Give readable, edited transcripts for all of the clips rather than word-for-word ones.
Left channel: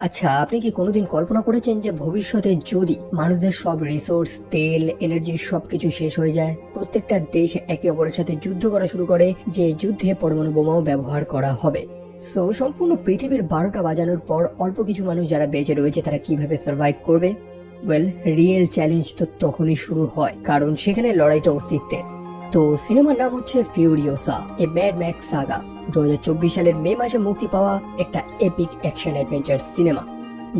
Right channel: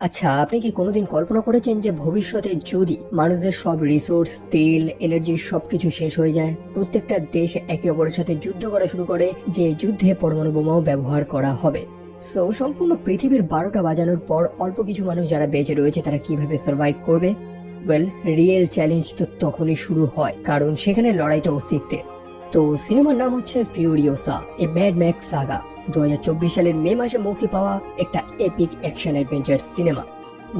আচ্ছা, আপনি কি কোনোদিন কল্পনা করেছেন যে ভবিষ্যতে যদি মানুষদের সব রিসোর্স, তেল, এনার্জি সবকিছু শেষ হয়ে যায়, প্রত্যেকটা দেশ একে অপরের সাথে যুদ্ধ করা শুরু করে, যে যুদ্ধে পরমাণু বোমাও ব্যবহার করা হবে। সো সম্পূর্ণ পৃথিবীর 12টা বাজানোর পর অল্প কিছু মানুষ যারা বেঁচে রয়েছে তারা কিভাবে সার্ভাইভ করবে? ওয়েল, রিয়েল চ্যালেঞ্জ তো তখনই শুরু হয়, কারণ সেখানে লড়াইটা অস্তিত্বের। তো সিনেমার নাম হচ্ছে ফিউরিওসা, এ ম্যাড ম্যাক্স সাগা। 2024 সালের মে মাসে মুক্তি পাওয়া একটা এপিক অ্যাকশন অ্যাডভেঞ্চার সিনেমা।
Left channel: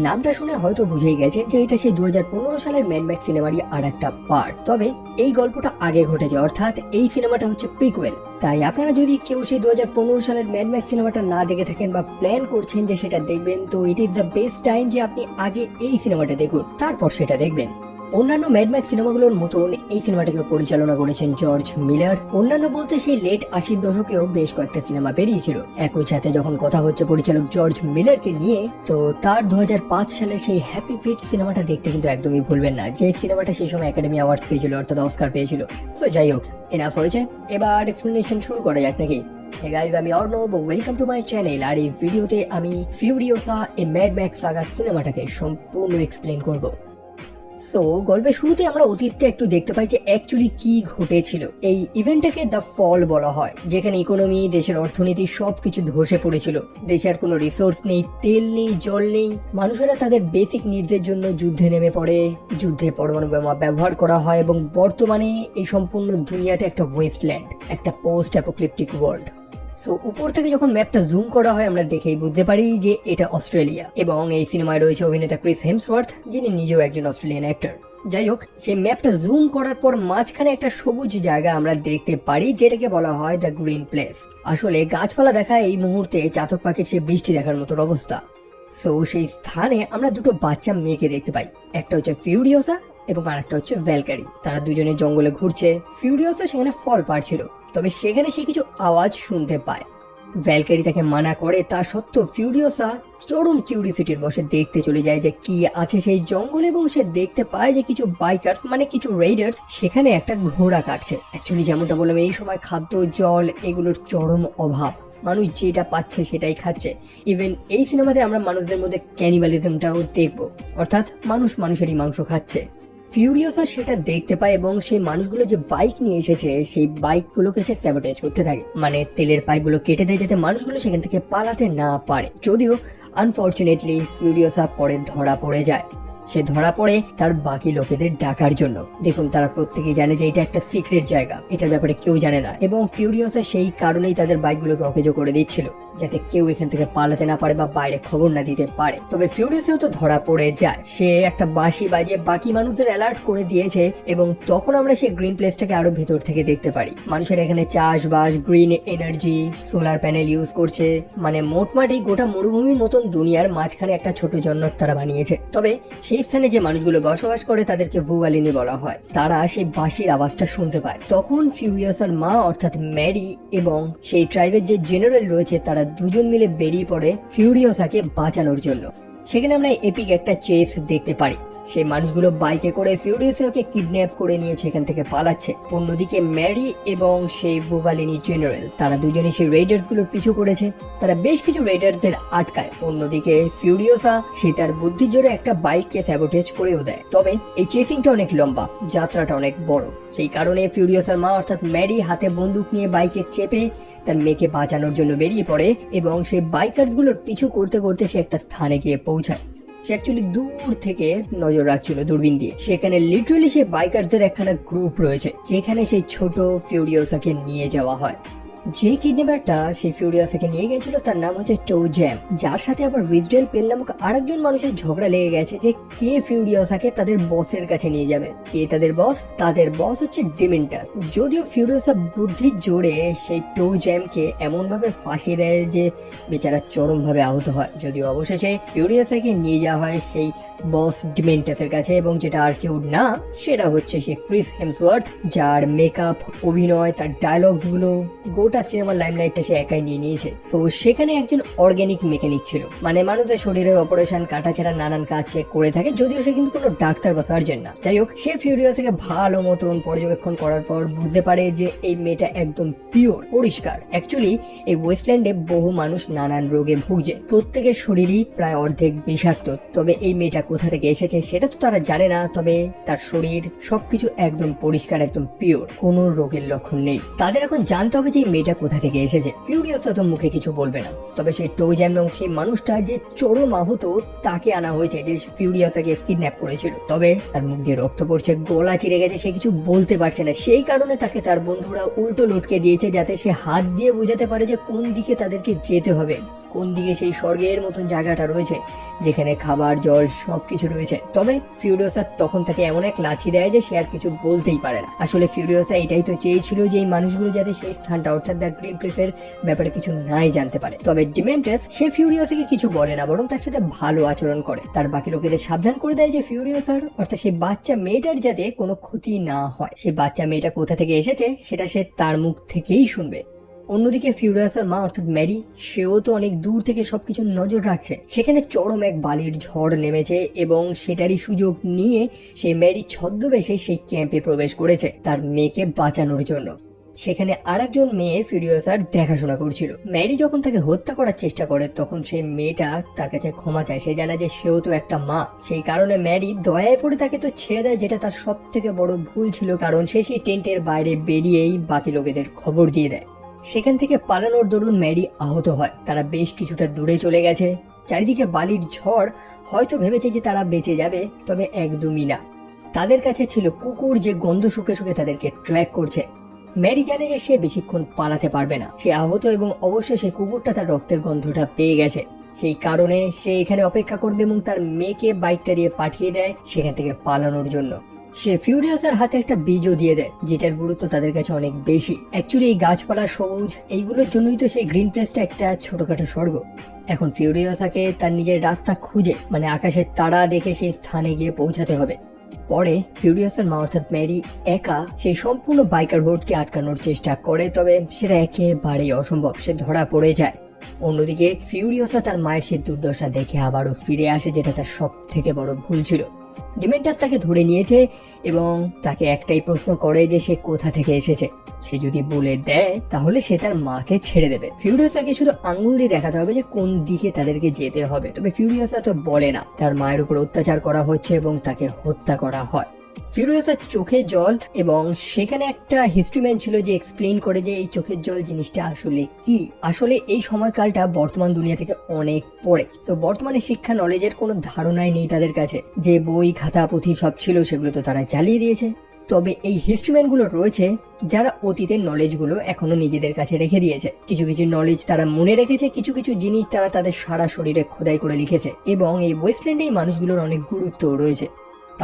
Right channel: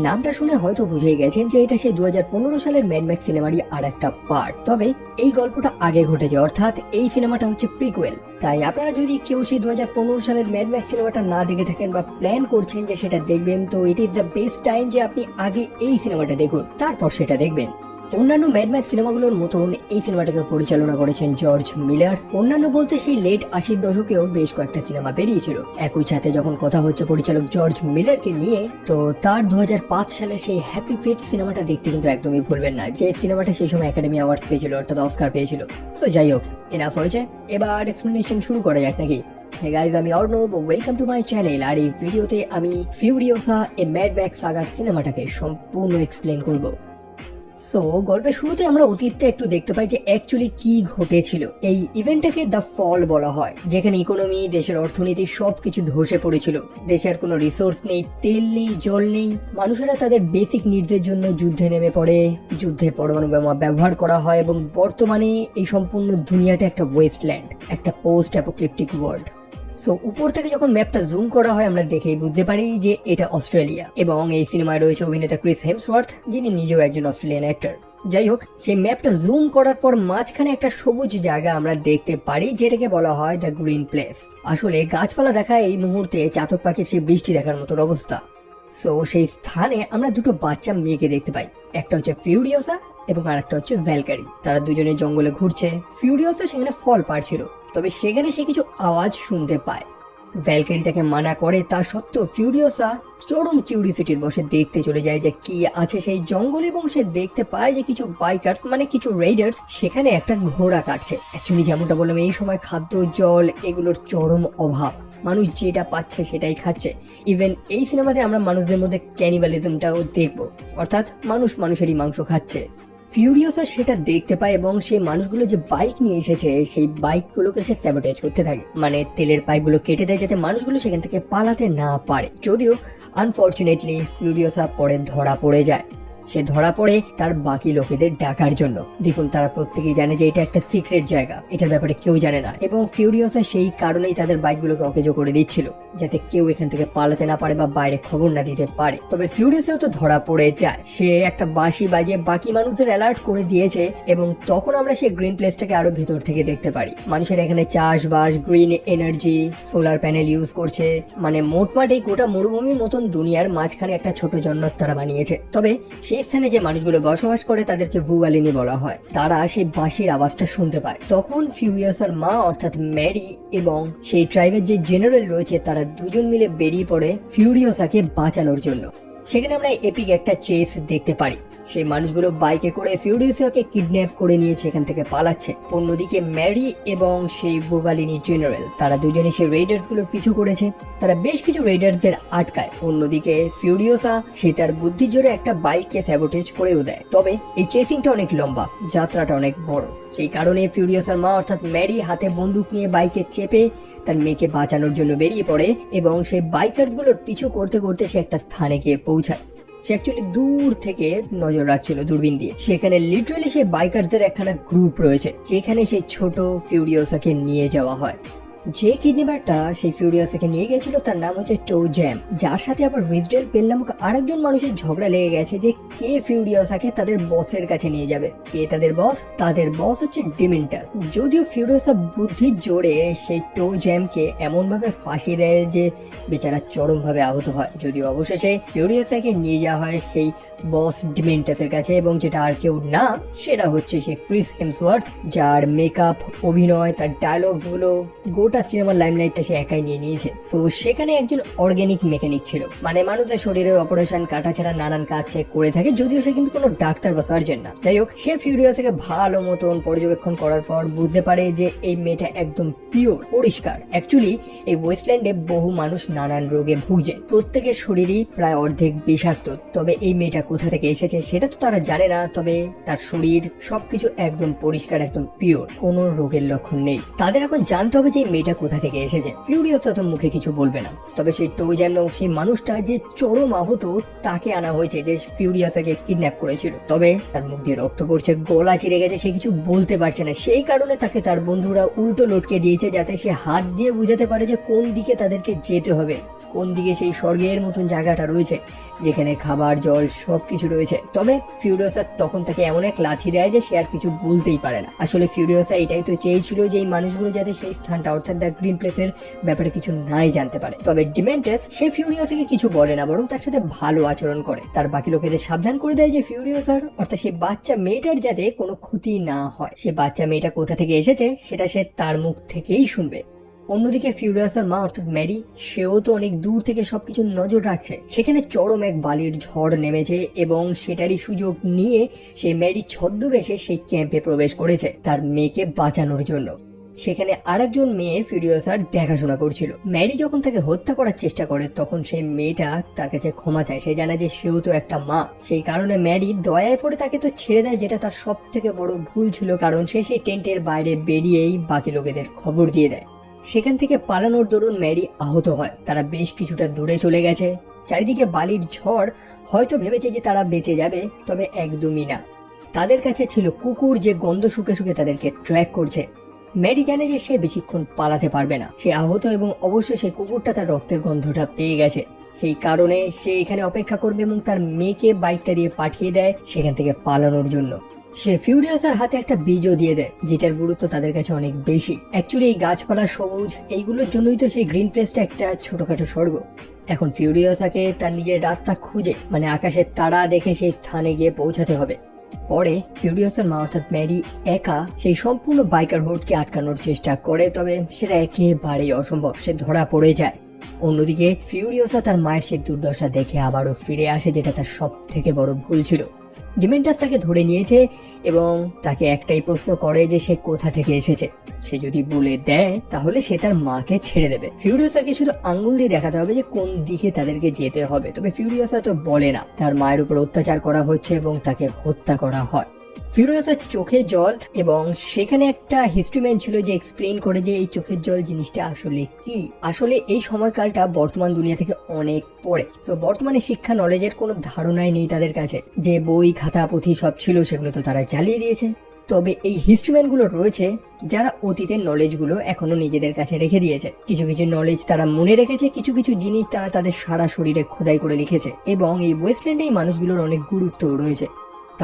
নামটা শুনে হয়তো বুঝেই গেছেন যে এটা সেই 2015 সালের ম্যাড ম্যাক্স সিনেমারই আর একটা পার্ট। তবে এই গল্পটা আগে ঘটেছে, অর্থাৎ এই সিনেমাটা হচ্ছে প্রিকুয়েল। তাই আপনারা যদি কেউ সেই 2015 সালের ম্যাড ম্যাক্স সিনেমাটা না দেখে থাকেন বা প্ল্যান করছেন যে সেটা দেখবেন, তো it is the best time যে আপনি আগে এই সিনেমাটা দেখুন, তারপর সেটা দেখবেন। অন্যান্য ম্যাডম্যাক্স সিনেমাগুলোর মতন এই সিনেমাটাকে পরিচালনা করেছেন জর্জ মিলার। অন্যান্য বলতে সেই লেট 80-র দশকেও বেশ কয়েকটা সিনেমা বেরিয়েছিল। একই সাথে যখন কথা হচ্ছে পরিচালক জর্জ মিলারকে নিয়ে, তো তার 2005 সালে সেই হ্যাপি ফিট সিনেমাটা দেখতে কিন্তু একদমই ভুলবেন না, যে সিনেমাটা সেই সময় একাডেমি অ্যাওয়ার্ডস পেয়েছিল, অর্থাৎ অস্কার পেয়েছিল। তো যাই হোক, এনাফ হয়েছে, এবার এক্সপ্লেনেশন শুরু করা যাক নাকি? Hey guys, আমি Arnab, welcome to my channel. আর এই ভিডিওতে আমি Furiosa a Mad Max saga সিনেমাটাকে সম্পূর্ণ এক্সপ্লেন করব। সো গল্পের শুরুতে আমরা অতীতটা একটু দেখতে পাই যে অ্যাকচুয়ালি কি ঘটেছিল। এই ইভেন্টটাকে দ্য ফল বলা হয়, যেখানে ইকোনমি, দেশের অর্থনীতি সবকিছু ধসে পড়েছিল। দেশের কোনো রিসোর্স নেই, তেল নেই, জল নেই। মানুষেরা তাদের বেসিক নিডসের জন্য যুদ্ধে নেমে পড়ে। যুদ্ধে পরমাণু বোমা ব্যবহার করা হয় এবং বর্তমানে এই সম্পূর্ণ দুনিয়াটা একটা ওয়েস্টল্যান্ড, একটা পোস্ট অ্যাপোক্লিপটিক ওয়ার্ল্ড। সো উপর থেকে যখন ম্যাপটা জুম করা হয়, আমরা দেখেই বুঝতে পারি যে এটা অস্ট্রেলিয়া, এবং এই সিনেমায় রয়েছে অভিনেতা ক্রিস হেমসওয়ার্থ, যিনি নিজেও একজন অস্ট্রেলিয়ান অ্যাক্টর। যাই হোক, সেই ম্যাপটা জুম করার পর মাঝখানে একটা সবুজ জায়গা আমরা দেখতে পারি, যেটাকে বলা হয় দ্য গ্রিন প্লেস। আসলে গাছপালা দেখা এই মুহূর্তে চাতক পাখির সে বৃষ্টি দেখার মতো অবস্থা। সো সেই স্থানে আমরা দুটো বাচ্চা মেয়েকে দেখতে পাই, একটা হচ্ছে ফিউরিওসা এবং আরেকটা হচ্ছে ভ্যালকারি। তারা দুজনে জঙ্গলে ঘুরছে। ফিউরিওসা সেখানে ফল পাড়ছিল, তবে সেখানে সে কিছু আওয়াজ শুনতে পায়। ভ্যালকারি তাকে মানা করে, তা সত্ত্বেও ফিউরিওসা চরম কিউরিসিটির বসে দেখতে চলে যায় যে কি আছে সেই জঙ্গল, এবং সে দেখতে পায় যে কিছু বাইকার্স, মানে কিছু রেইডার্স, সেখানে একটা ঘোড়া কাটছে। অ্যাকচুয়ালি যেমনটা বললাম, এই সময় খাদ্য, জল এগুলোর চরম অভাব। মানুষ যেটা পাচ্ছে সেটাই খাচ্ছে। ইভেন এই সিনেমাতে আমরা মানুষদের মধ্যে ক্যানিবালিজমটাও দেখবো, অর্থাৎ মানুষ মানুষেরই মাংস খাচ্ছে। ফিউরিওসা সেটা দেখতে পায় এবং সেই মানুষগুলো যে বাইক নিয়ে এসেছে সেই বাইকগুলোকে সে স্যাবোটেজ করতে থাকে, মানে তেলের পাইপগুলো কেটে দেয় যাতে মানুষগুলো সেখান থেকে পালাতে না পারে। যদিও আনফরচুনেটলি ফিউরিওসা পরে ধরা পড়ে যায়। সে ধরা পড়ে তার বাকি লোকেদের ডাকার জন্য। দেখুন, তারা প্রত্যেকেই জানে যে এটা একটা সিক্রেট জায়গা, এটার ব্যাপারে কেউ জানে না, এবং ফিউরিওসা সেই কারণেই তাদের বাইকগুলোকে অকেজো করে দিচ্ছিল, যাতে কেউ এখান থেকে পালাতে না পারে বা বাইরে খবর না দিতে পারে। তবে ফিউরিওসাও তো ধরা পড়ে যায়। সে একটা বাঁশি বাজিয়ে বাকি মানুষদের অ্যালার্ট করে দিয়েছে, এবং তখন আমরা সেই গ্রিন প্লেসটাকে আরো ভেতর থেকে দেখতে পারি। মানুষেরা এখানে চাষবাস, green energy, solar panel use করছে। মানে মোটমাট এই গোটা মরুভূমির মতন দুনিয়ার মাঝখানে একটা ছোট জন্নত তারা বানিয়েছে। তবে সেই স্থানে যে মানুষগুলো বসবাস করে তাদেরকে ভুয়ালিনি বলা হয়। তারা সেই বাঁশির আওয়াজটা শুনতে পায়। তখন ফিউরিয়াসার মা অর্থাৎ ম্যারি এবং সেই ট্রাইবের যে জেনারেল রয়েছে, তারা দুজন মিলে বেরিয়ে পড়ে ফিউরিওসাকে বাঁচানোর জন্য। সেখানে আমরা এপিক একটা চেস দেখতে পারি। সেই মানুষগুলো বাইকে করে ফিউরিওসাকে কিডন্যাপ করে নিয়ে সেখান থেকে পালাচ্ছে। অন্যদিকে ম্যারি এবং সেই বুভালিনি জেনারেল, তারা দুজনে সেই রেইডার্স গুলোর পিছু করেছে। তারা বেশ কিছু রেইডার্সদের আটকায়। অন্যদিকে ফিউরিওসা সে তার বুদ্ধির জোরে একটা বাইককে স্যাবোটেজ করেও দেয়। তবে এই চেসিংটা অনেক লম্বা, যাত্রাটা অনেক বড়। সেই কারণে ফিউরিওসার মা অর্থাৎ ম্যারি হাতে বন্দুক নিয়ে বাইকে চেপে তার মেয়েকে বাঁচানোর জন্য বেরিয়ে পড়ে, এবং সেই বাইকার্স গুলোর পিছু করতে করতে সে একটা স্থানে গিয়ে পৌঁছায়। সে অ্যাকচুয়ালি দূর থেকে নজর রাখছিল দূরবীন দিয়ে। সেখানে লিটারালি সেই বাইকারদের একখানা গ্রুপ রয়েছে, যেখানে সেই ছোট ফিউরিওসাকে নিয়ে যাওয়া হয়। যে কিডন্যাপারটা সেই ফিউরিওসাকে নিয়ে গেছিল তার নাম হচ্ছে টো জ্যাম, যার সাথে আবার রিজডেল পেন নামক আরেকজন মানুষের ঝগড়া লেগে গেছে যে কে ফিউরিওসাকে তাদের বসের কাছে নিয়ে যাবে। কে তাদের বস? তাদের বস হচ্ছে ডিমেন্টাস। যদিও ফিউরিওসা বুদ্ধির জোরে সেই টো জ্যামকে এমন ভাবে ফাঁসিয়ে দেয় যে বেচারা চরম ভাবে আহত হয়। যদিও অবশেষে ফিউরিওসাকে নিয়ে যাওয়া হয় সেই বস ডিমেন্টাসের কাছে, এবং যেটা আর কেউ না, সেটা হচ্ছে সে ক্রিস হেমসওয়ার্থ, যার মেকআপ, অভিনয়, তার ডায়লগস গুলো, গোটা সিনেমার লাইমলাইটটা সে একাই নিয়ে নিয়েছে। সো সেখানে একজন অর্গানিক মেকানিক ছিল, মানে মানুষের শরীরের অপারেশন কাটাছেড়া নানান কাজ সে করে থাকে, যদিও সে কিন্তু কোনো ডাক্তার বা সার্জন না। যাই হোক, সে ফিউরিয়াসাকে ভালো মতন পর্যবেক্ষণ করার পর বুঝতে পারে যে এই মেয়েটা একদম পিওর, পরিষ্কার। অ্যাকচুয়ালি এই ওয়েস্টল্যান্ডে বহু মানুষ নানান রোগে ভুগছে, প্রত্যেকের শরীরই প্রায় অর্ধেক বিষাক্ত। তবে এই মেয়েটা কোথা থেকে এসেছে সেটা তো তারা জানে না, তবে তার শরীর সবকিছু একদম পরিষ্কার, একদম পিওর, কোনো রোগের লক্ষণ নেই। তাদের এখন জানতে হবে যে মেয়েটা কোথা থেকে এসেছে। ফিউরিয়াসা তো মুখে কিছু বলবে না, তবে সে টোজান এবং সেই মানুষটা যে চরম আহত তাকে আনা হয়েছে, যে ফিউরিয়াসাকে কিডন্যাপ করেছিল। তবে তার মুখ দিয়ে রক্ত পড়ছে, গলা চিরে গেছে, সে কিছু বলতে পারছে না। সেই কারণে তাকে তার বন্ধুরা উল্টো লটকে দিয়েছে, যাতে সে হাত দিয়ে বোঝাতে পারে যে কোন দিকে তাদেরকে যেতে হবে, কোন দিকে সেই স্বর্গের মতন জায়গাটা রয়েছে যেখানে খাবার জল সবকিছু রয়েছে। তবে ফিউরিয়াসা তখন তাকে এমন এক লাথি দেয় যে সে আর কিছু বলতেই পারে না। আসলে ফিউরিয়াসা এটাই তো চেয়েছিল যে এই মানুষগুলো যাতে সেই স্থানটা অর্থাৎ দ্য গ্রিন প্লেসের ব্যাপারে কিছু নাই জানতে পারে। তবে ডিমেন্টাস সে ফিউরিয়াসাকে কিছু বলে না, বরং তার সাথে ভালো আচরণ করে। তার বাকি লোকেদের সাবধান করে দেয় যে ফিউরিয়াসার অর্থাৎ সেই বাচ্চা মেয়েটার যাতে কোনো ক্ষতি না হয়। সেই বাচ্চা মেয়েটা কোথা থেকে এসেছে সেটা সে তার মুখ থেকেই শুনবে। অন্যদিকে ফিউরিয়াসার মা অর্থাৎ ম্যারি, সেও তো অনেক দূর থেকে সবকিছু নজর রাখছে। সেখানে চরম এক বালির ঝড় নেমেছে এবং সেটারই সুযোগ নিয়ে সে ম্যারি ছদ্মবেশে সেই ক্যাম্পে প্রবেশ করেছে তার মেয়েকে বাঁচানোর জন্য। সেখানে আরেকজন মেয়ে ফিউরিয়াসার দেখাশোনা করছিল। ম্যারি যখন তাকে হত্যা করার চেষ্টা করে তখন সেই মেয়েটা তার কাছে ক্ষমা চায়। সে জানে যে সেও তো একটা মা, সেই কারণে ম্যারি দয়ায় পড়ে তাকে তো ছেড়ে দেয়, যেটা তার সব থেকে বড় ভুল ছিল, কারণ সে সেই টেন্টের বাইরে বেরিয়েই বাকি লোকেদের খবর দিয়ে দেয়। সেখান থেকে পালানোর দরুন ম্যারি আহত হয়। তারা বেশ কিছুটা দূরে চলে গেছে, চারিদিকে বালির ঝড়। হয়তো ভেবেছে যে তারা বেঁচে যাবে, তবে একদমই না। তাদের কাছে ছিল কুকুর, যে গন্ধ শুকে শুকে তাদেরকে ট্র্যাক করছে। ম্যারি জানে যে সে বেশিক্ষণ পালাতে পারবে না, সে আহত এবং অবশ্যই সেই কুকুরটা তার রক্তের গন্ধটা পেয়ে গেছে। সেই কারণে সে এখানে অপেক্ষা করবে এবং তার মেয়েকে বাইকটা দিয়ে পাঠিয়ে দেয় সেখান থেকে পালানোর জন্য। সে ফিউরিয়াসার হাতে একটা বীজও দিয়ে দেয়, যেটার গুরুত্ব তাদের কাছে অনেক বেশি। অ্যাকচুয়ালি এই গাছপালা সবুজ, এইগুলোর জন্যই তো সেই গ্রিন প্লেসটা একটা ছোটখাটো স্বর্গ। এখন ফিউরিয়াসাকে তার নিজের রাস্তা খুঁজে, মানে আকাশের তারা দেখে সেই স্থানে গিয়ে পৌঁছাতে হবে। পরে ফিউরিয়াসের মা অর্থাৎ ম্যারি একা সেই সম্পূর্ণ বাইকার বোর্ডকে আটকানোর চেষ্টা করে, তবে সেটা একেবারেই অসম্ভব, সে ধরা পড়ে যায়। অন্যদিকে ফিউরিয়াসা তার মায়ের সে দুর্দশা দেখে আবারও ফিরে আসে, যেটা তার সব থেকে বড় ভুল ছিল। ডিমেন্টাস তাকে ধরে নিয়েছে এবং তাকে একটাই প্রশ্ন করে যে সে কোথা থেকে এসেছে। সে যদি বলে দেয় তাহলে সে তার মাকে ছেড়ে দেবে। ফিউরিয়াসাকে শুধু আঙ্গুল দিয়ে দেখাতে হবে যে কোন দিকে তাদেরকে যেতে হবে। তবে ফিউরিয়াসা তো বলে না। তার মায়ের উপর অত্যাচার করা হচ্ছে এবং তাকে হত্যা করা হয়। ফিউরিয়াসার চোখে জল, এবং সেখানে একটা হিস্ট্রিম্যান ছিল যে এক্সপ্লেইন করে যে এই চোখের জল জিনিসটা আসলে কি। আসলে এই সময়কালটা বর্তমান দুনিয়া থেকে অনেক পরে। তো বর্তমানে শিক্ষা নলেজের কোনো ধারণাই নেই তাদের কাছে। যে বই খাতা পুঁথি সব ছিল সেগুলো তো তারা জ্বালিয়ে দিয়েছে। তবে এই হিস্ট্রিম্যান গুলো রয়েছে যারা অতীতের নলেজ গুলো এখনো নিজেদের কাছে রেখে দিয়েছে। কিছু কিছু নলেজ তারা মনে রেখেছে, কিছু কিছু জিনিস তারা তাদের সারা শরীরে খোদাই করে লিখেছে, এবং এই ওয়েস্টল্যান্ডে এই মানুষগুলোর অনেক গুরুত্ব রয়েছে।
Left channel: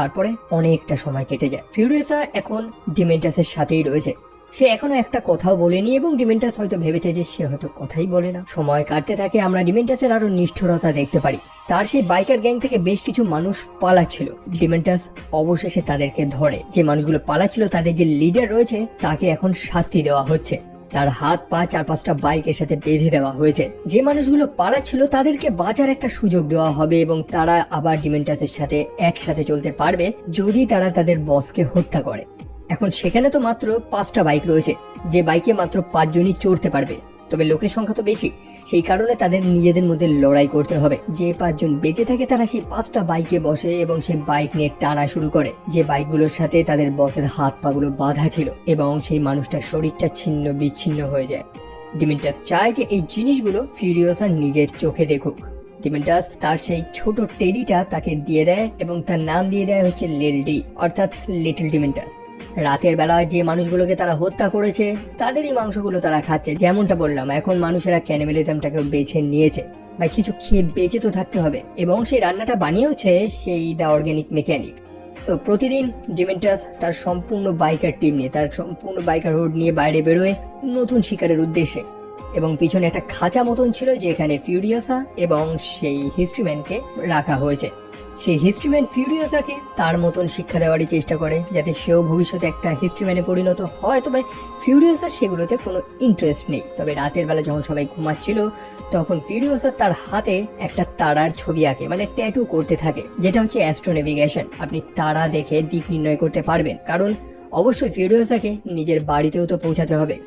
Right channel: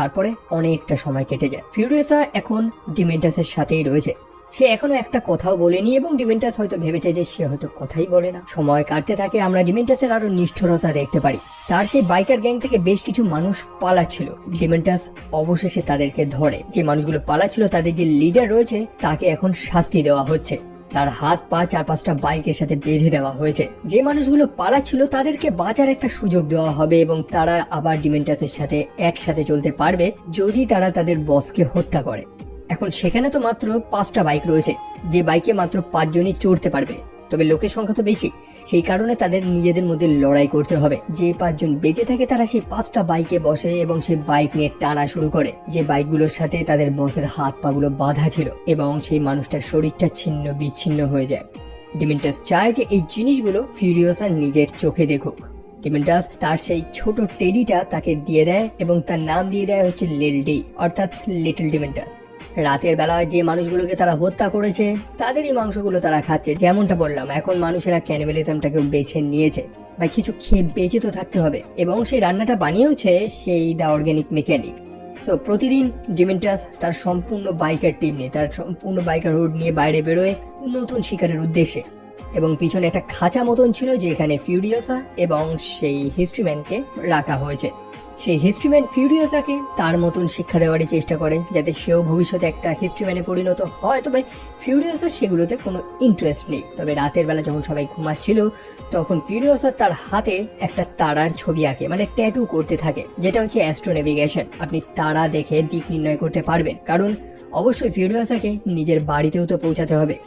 তারপরে অনেকটা সময় কেটে যায়। ফিউরিয়াসা এখন ডিমেন্টাসের সাথেই রয়েছে। সে এখনো একটা কথাও বলেনি এবং ডিমেন্টাস হয়তো ভেবেছে যে সে হয়তো কথাই বলে না। সময় কাটতে থাকে, আমরা ডিমেন্টাসের আরো নিষ্ঠুরতা দেখতে পারি। তার সেই বাইকার গ্যাং থেকে বেশ কিছু মানুষ পালাচ্ছিল। ডিমেন্টাস অবশেষে তাদেরকে ধরে। যে মানুষগুলো পালাচ্ছিল তাদের যে লিডার রয়েছে তাকে এখন শাস্তি দেওয়া হচ্ছে। তার হাত পা 4-5টা বাইকের সাথে বেঁধে দেওয়া হয়েছে। যে মানুষগুলো পালাচ্ছিল তাদেরকে বাঁচার একটা সুযোগ দেওয়া হবে এবং তারা আবার ডিমেন্টাসের সাথে একসাথে চলতে পারবে যদি তারা তাদের বসকে হত্যা করে। এখন সেখানে তো মাত্র 5টা বাইক রয়েছে, যে বাইকে মাত্র 5 জনই চড়তে পারবে। তবে লোকের সংখ্যা তো বেশি, সেই কারণে তাদের নিজেদের মধ্যে লড়াই করতে হবে। যে 5 জন বেঁচে থাকে তারা সেই 5টা বাইকে বসে এবং সেই বাইক নিয়ে টানা শুরু করে, যে বাইকগুলোর সাথে তাদের বসের হাত পাগুলো বাঁধা ছিল, এবং সেই মানুষটার শরীরটা ছিন্ন বিচ্ছিন্ন হয়ে যায়। ডিমেন্টাস চায় যে এই জিনিসগুলো ফিউরিয়াসা নিজের চোখে দেখুক। ডিমেন্টাস তার সেই ছোট টেডিটা তাকে দিয়ে দেয় এবং তার নাম দিয়ে দেয় হচ্ছে লিটল ডি, অর্থাৎ লিটল ডিমেন্টাস। রাতের বেলা যে মানুষগুলোকে তারা হত্যা করেছে তাদেরই মাংসগুলো তারা খাচ্ছে। যেমনটা বললাম, এখন মানুষেরা ক্যানিবালিজমটাকে বেছে নিয়েছে, বা কিছু খেয়ে বেঁচে তো থাকতে হবে, এবং সেই রান্নাটা বানিয়েওছে সেই দ্য অর্গানিক মেকানিক। সো প্রতিদিন ডিমেন্টাস তার সম্পূর্ণ বাইকার টিম নিয়ে, তার সম্পূর্ণ বাইকার রুট নিয়ে বাইরে বেরোয় নতুন শিকারের উদ্দেশ্যে। এবং পিছনে একটা খাঁচা মতন ছিল যেখানে ফিউরিয়াসা এবং সেই হিস্ট্রিম্যানকে রাখা হয়েছে। সেই হিস্ট্রিম্যান ফিউরিয়াসাকে তার মতন শিক্ষা দেওয়ারই চেষ্টা করে যাতে সেও ভবিষ্যতে একটা হিস্ট্রিম্যানে পরিণত হয়। তবে ফিউরিয়াসার সেগুলোতে কোনো ইন্টারেস্ট নেই। তবে রাতের বেলা যখন সবাই ঘুমাচ্ছিল তখন ফিউরিয়াসা তার হাতে একটা তারার ছবি আঁকে, মানে ট্যাটু করতে থাকে, যেটা হচ্ছে অ্যাস্ট্রোনেভিগেশন। আপনি তারা দেখে দিক নির্ণয় করতে পারবেন, কারণ অবশ্যই ফিউরিয়াসাকে নিজের বাড়িতেও তো পৌঁছাতে হবে।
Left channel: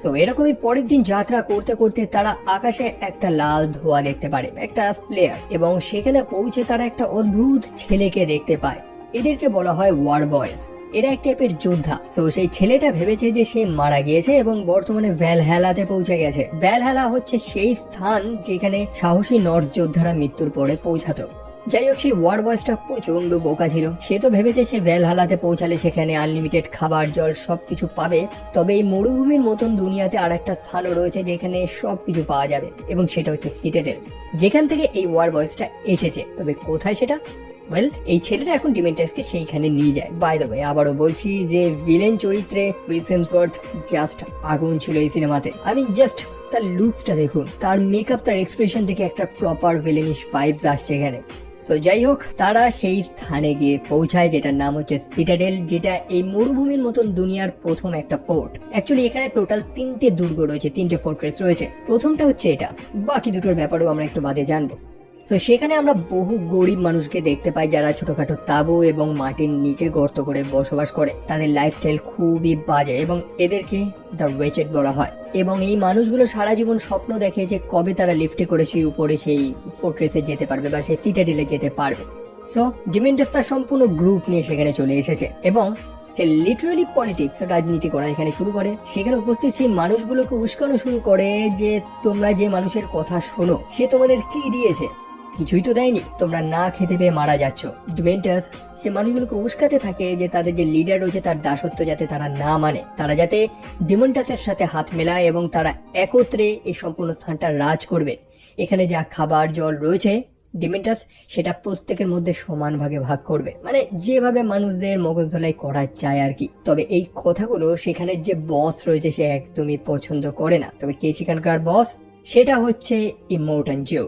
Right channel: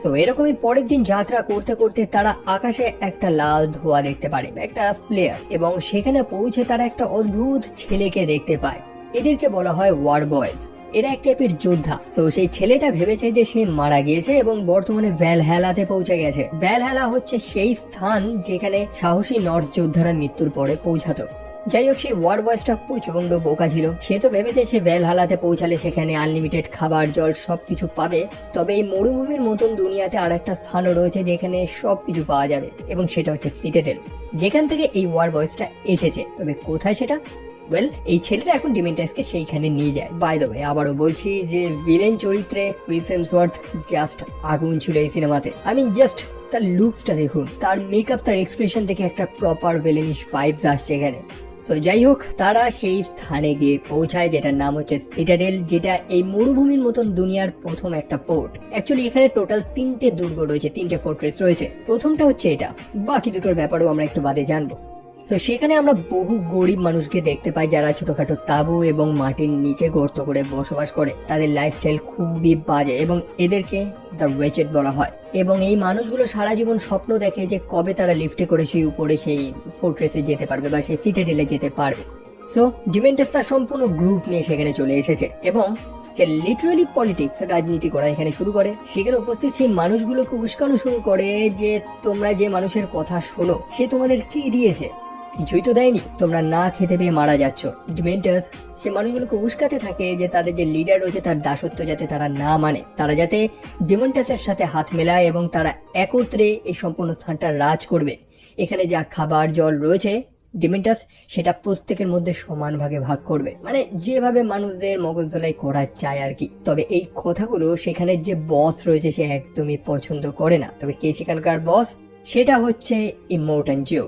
সো এরকমই পরের দিন যাত্রা করতে করতে তারা আকাশে একটা লাল ধোঁয়া দেখতে পারে, একটা ফ্লেয়ার, এবং সেখানে পৌঁছে তারা একটা অদ্ভুত ছেলেকে দেখতে পায়। এদেরকে বলা হয় ওয়ার বয়েজ। এরা এক টাইপের যোদ্ধা। সো সেই ছেলেটা ভেবেছে যে সে মারা গিয়েছে এবং বর্তমানে ভ্যালহ্যালাতে পৌঁছে গেছে। ভ্যালহ্যালা হচ্ছে সেই স্থান যেখানে সাহসী নর্স যোদ্ধারা মৃত্যুর পরে পৌঁছাতো। যাই হোক, সেই ওয়ার বয়েসটা প্রচন্ড বোকা ছিল। সে তো ভেবেছে সে ভ্যালহ্যালাতে পৌঁছালে সেখানে আনলিমিটেড খাবার জল সবকিছু পাবে। তবে এই মরুভূমির মতন দুনিয়াতে আর একটা স্থানও রয়েছে যেখানে সবকিছু পাওয়া যাবে, এবং সেটা হচ্ছে সিটাডেল, যেখান থেকে এই ওয়ার বয়েসটা এসেছে। তবে কোথায় সেটা? ওয়েল, এই ছেলেটা এখন ডিমেন্টাসকে সেইখানে নিয়ে যায়। বাই দ্য ওয়ে, আবারও বলছি যে ভিলেন চরিত্রে ক্রিস হেমসওয়ার্থ জাস্ট আগুন ছিল এই সিনেমাতে। আমি জাস্ট তার লুকসটা দেখুন, তার মেকআপ, তার এক্সপ্রেশন থেকে একটা প্রপার ভিলেনিশ ভাইবস আসছে এখানে। সো যাই হোক, তারা সেই স্থানে গিয়ে পৌঁছায় যেটার নাম হচ্ছে সিটাডেল, যেটা এই মরুভূমির মতন দুনিয়ার প্রথম একটা ফোর্ট। অ্যাকচুয়ালি এখানে টোটাল 3টে দুর্গ রয়েছে, 3টে ফোর্ট্রেস রয়েছে। প্রথমটা হচ্ছে এটা, বাকি দুটোর ব্যাপারেও আমরা একটু বাদে জানবো। তো সেখানে আমরা বহু গরিব মানুষকে দেখতে পাই যারা ছোটখাটো তাঁবু এবং মাটির নিচে গর্ত করে বসবাস করে। তাদের লাইফস্টাইল খুবই বাজে এবং এদেরকে দ্য রেচেড বলা হয়। এবং এই মানুষগুলো সারা জীবন স্বপ্ন দেখে যে কবে তারা লিফটে করে সেই উপরে সেই ফোর্ট্রেসে যেতে পারবে বা সেই সিটাডেলে যেতে পারবে। সো ডিমেন্টাস তার সম্পূর্ণ গ্রুপ নিয়ে সেখানে চলে এসেছে এবং সে লিটারালি পলিটিক্স, রাজনীতি করা এখানে শুরু করে। সেখানে উপস্থিত সেই মানুষগুলোকে উস্কানো শুরু করে যে তোমরা যে মানুষের কথা শোনো সে তোমাদের কি দিয়েছে? কিছুই তো দেয়নি, তোমরা না খেতে পেয়ে মারা যাচ্ছ। ডিমেন্টাস সে মানুষগুলোকে উস্কাতে থাকে যে তাদের যে লিডার রয়েছে তার দাসত্ব যাতে তারা না মানে, তারা যাতে ডিমেন্টাসের সাথে হাত মেলায় এবং তারা একত্রে এই সম্পূর্ণ স্থানটা রাজ করবে। এখানে যা খাবার জল রয়েছে ডিমেন্টাস সেটা প্রত্যেকের মধ্যে সমান ভাগে ভাগ করবে, মানে যেভাবে মানুষদের মগজ ধোলাই করা যায় আর কি। তবে এই কথাগুলো সেখানে যে বস রয়েছে সে একদমই পছন্দ করে না। তবে কে সেখানকার বস? সেটা হচ্ছে ইমোর্টাল জো।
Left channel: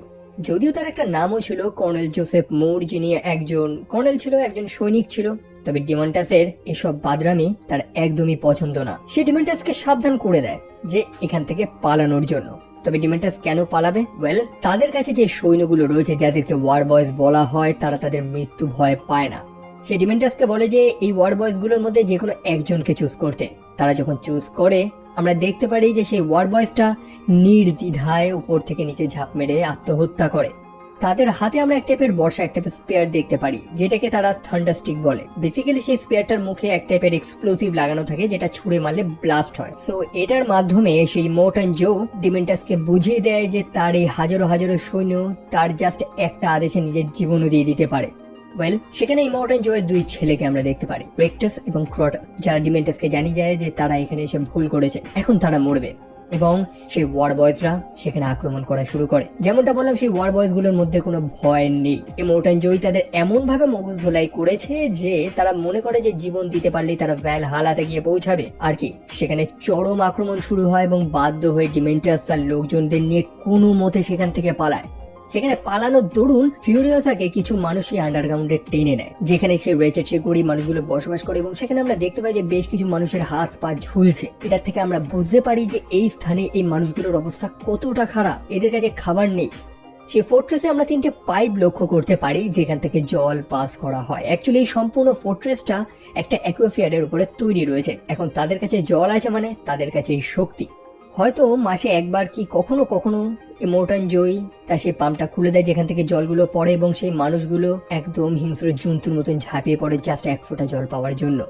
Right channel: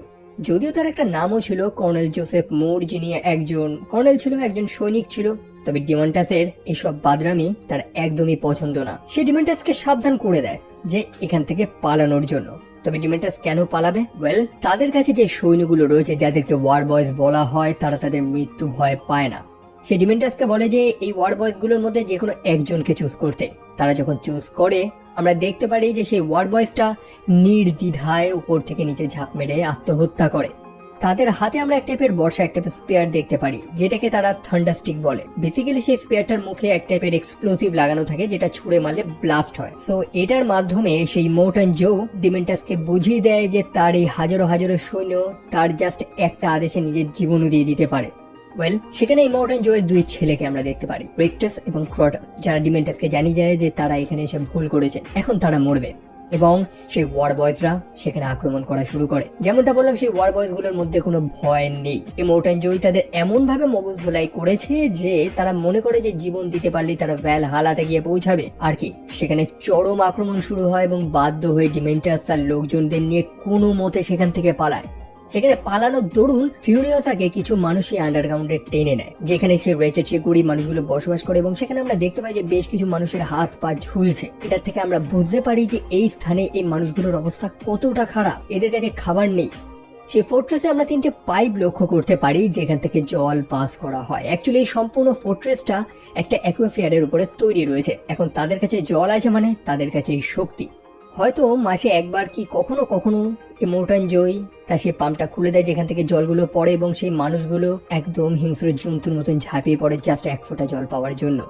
যদিও তার একটা নামও ছিল কর্নেল জোসেফ মুর, যিনি একজন কর্নেল ছিল, একজন সৈনিক ছিল। তবে ডিমেন্টাসের এসব বাদরামি তার একদমই পছন্দ না। সে ডিমেন্টাসকে সাবধান করে দেয় যে এখান থেকে পালানোর জন্য। তবে ডিমেন্টাস কেন পালাবে? ওয়েল, তাদের কাছে যে সৈন্যগুলো রয়েছে যাদেরকে ওয়ার বয়েজ বলা হয় তারা তাদের মৃত্যু ভয় পায় না। সে ডিমেন্টাসকে বলে যে এই ওয়ার বয়েজ গুলোর মধ্যে যে কোনো একজনকে চুজ করতে। তারা যখন চুজ করে আমরা দেখতে পারি যে সেই ওয়ার বয়েজটা নির্দ্বিধায় উপর থেকে নিচে ঝাঁপ মেরে আত্মহত্যা করে। তাদের হাতে আমরা এক টাইপের বর্ষা, এক টাইপের স্পেয়ার দেখতে পারি যেটাকে তারা থান্ডারস্টিক বলে। বেসিক্যালি সেই স্পেয়ারটার মুখে এক টাইপের এক্সপ্লোসিভ লাগানো থাকে যেটা ছুঁড়ে মারলে ব্লাস্ট হয়। সো এটার মাধ্যমে সেই ইমোর্টাল জো ডিমেন্টাসকে বুঝিয়ে দেয় যে তার এই হাজারো হাজারো সৈন্য তার জাস্ট একটা আদেশে নিজের জীবনও দিয়ে দিতে পারে। ওয়েল, সেখানে ইমোর্টাল জো এর দুই ছেলেকে আমরা দেখতে পারি, রেক্টাস এবং ক্রটাস, যারা ডিমেন্টাসকে জানিয়ে যায় যে তারা এখানে এসে ভুল করেছে, এখন তারা মরবে। এবং সেই ওয়ার বয়েজরা সেখানে আক্রমণ করা শুরু করে। যেমনটা বললাম, সেই ওয়ার বয়েজ গুলোর মধ্যে কোনো ভয় নেই। ইমোর্টাল জো তাদের এমন ভাবে মগজ ধোলাই করেছে যে তারা মনে করে যে জীবন দিতে পারলেই তারা ভ্যালহ্যালাতে গিয়ে পৌঁছাবে আর কি। সেখানে চরম আক্রমণ শুরু হয় এবং বাধ্য হয়ে ডিমেন্টাস তার লোকজনদের নিয়ে কোনো মতে সেখান থেকে পালায়। সেখানে পালানোর দরুন ফিউরিয়াসাকে কিছু মানুষই আন্ডারগ্রাউন্ডে টেনে নেয়, যেখানে সে রেচেড, সে গরিব মানুষগুলো বসবাস করে। এবং সেখানে আমরা দেখতে পাই যে বেশ কিছু মানুষের হাত পা ঝুলছে। এটা থেকে আমরা বুঝতে পারি যে এই স্থানে এই মানুষগুলোর অবস্থা কতটা খারাপ, এদের কাছে খাবার নেই। সেই ফোর্ট্রেসে আমরা 3টে পাইপ লক্ষ্য করতে পারি যেখান থেকে জল পাস করা হয়। অ্যাকচুয়ালি এই সম্পূর্ণ ফোর্ট্রেসটা একটা অ্যাকুয়াফিয়ারের উপরে তৈরি রয়েছে। এখন তাদের কাছে জল আছে মানে তাদের কাছে শক্তি। হয়তো মাসে একবার কি কখনো কখনো ইমোর্টাল জয় তা সেই পাম্পটা খুলে দেয় যেখান থেকে জলগুলো পড়ে এবং সেই মানুষগুলো একদম হিংস্র জন্তুর মতন ঝাঁপিয়ে পড়ে জাস্ট এক ফোঁটা জল পাওয়ার জন্য।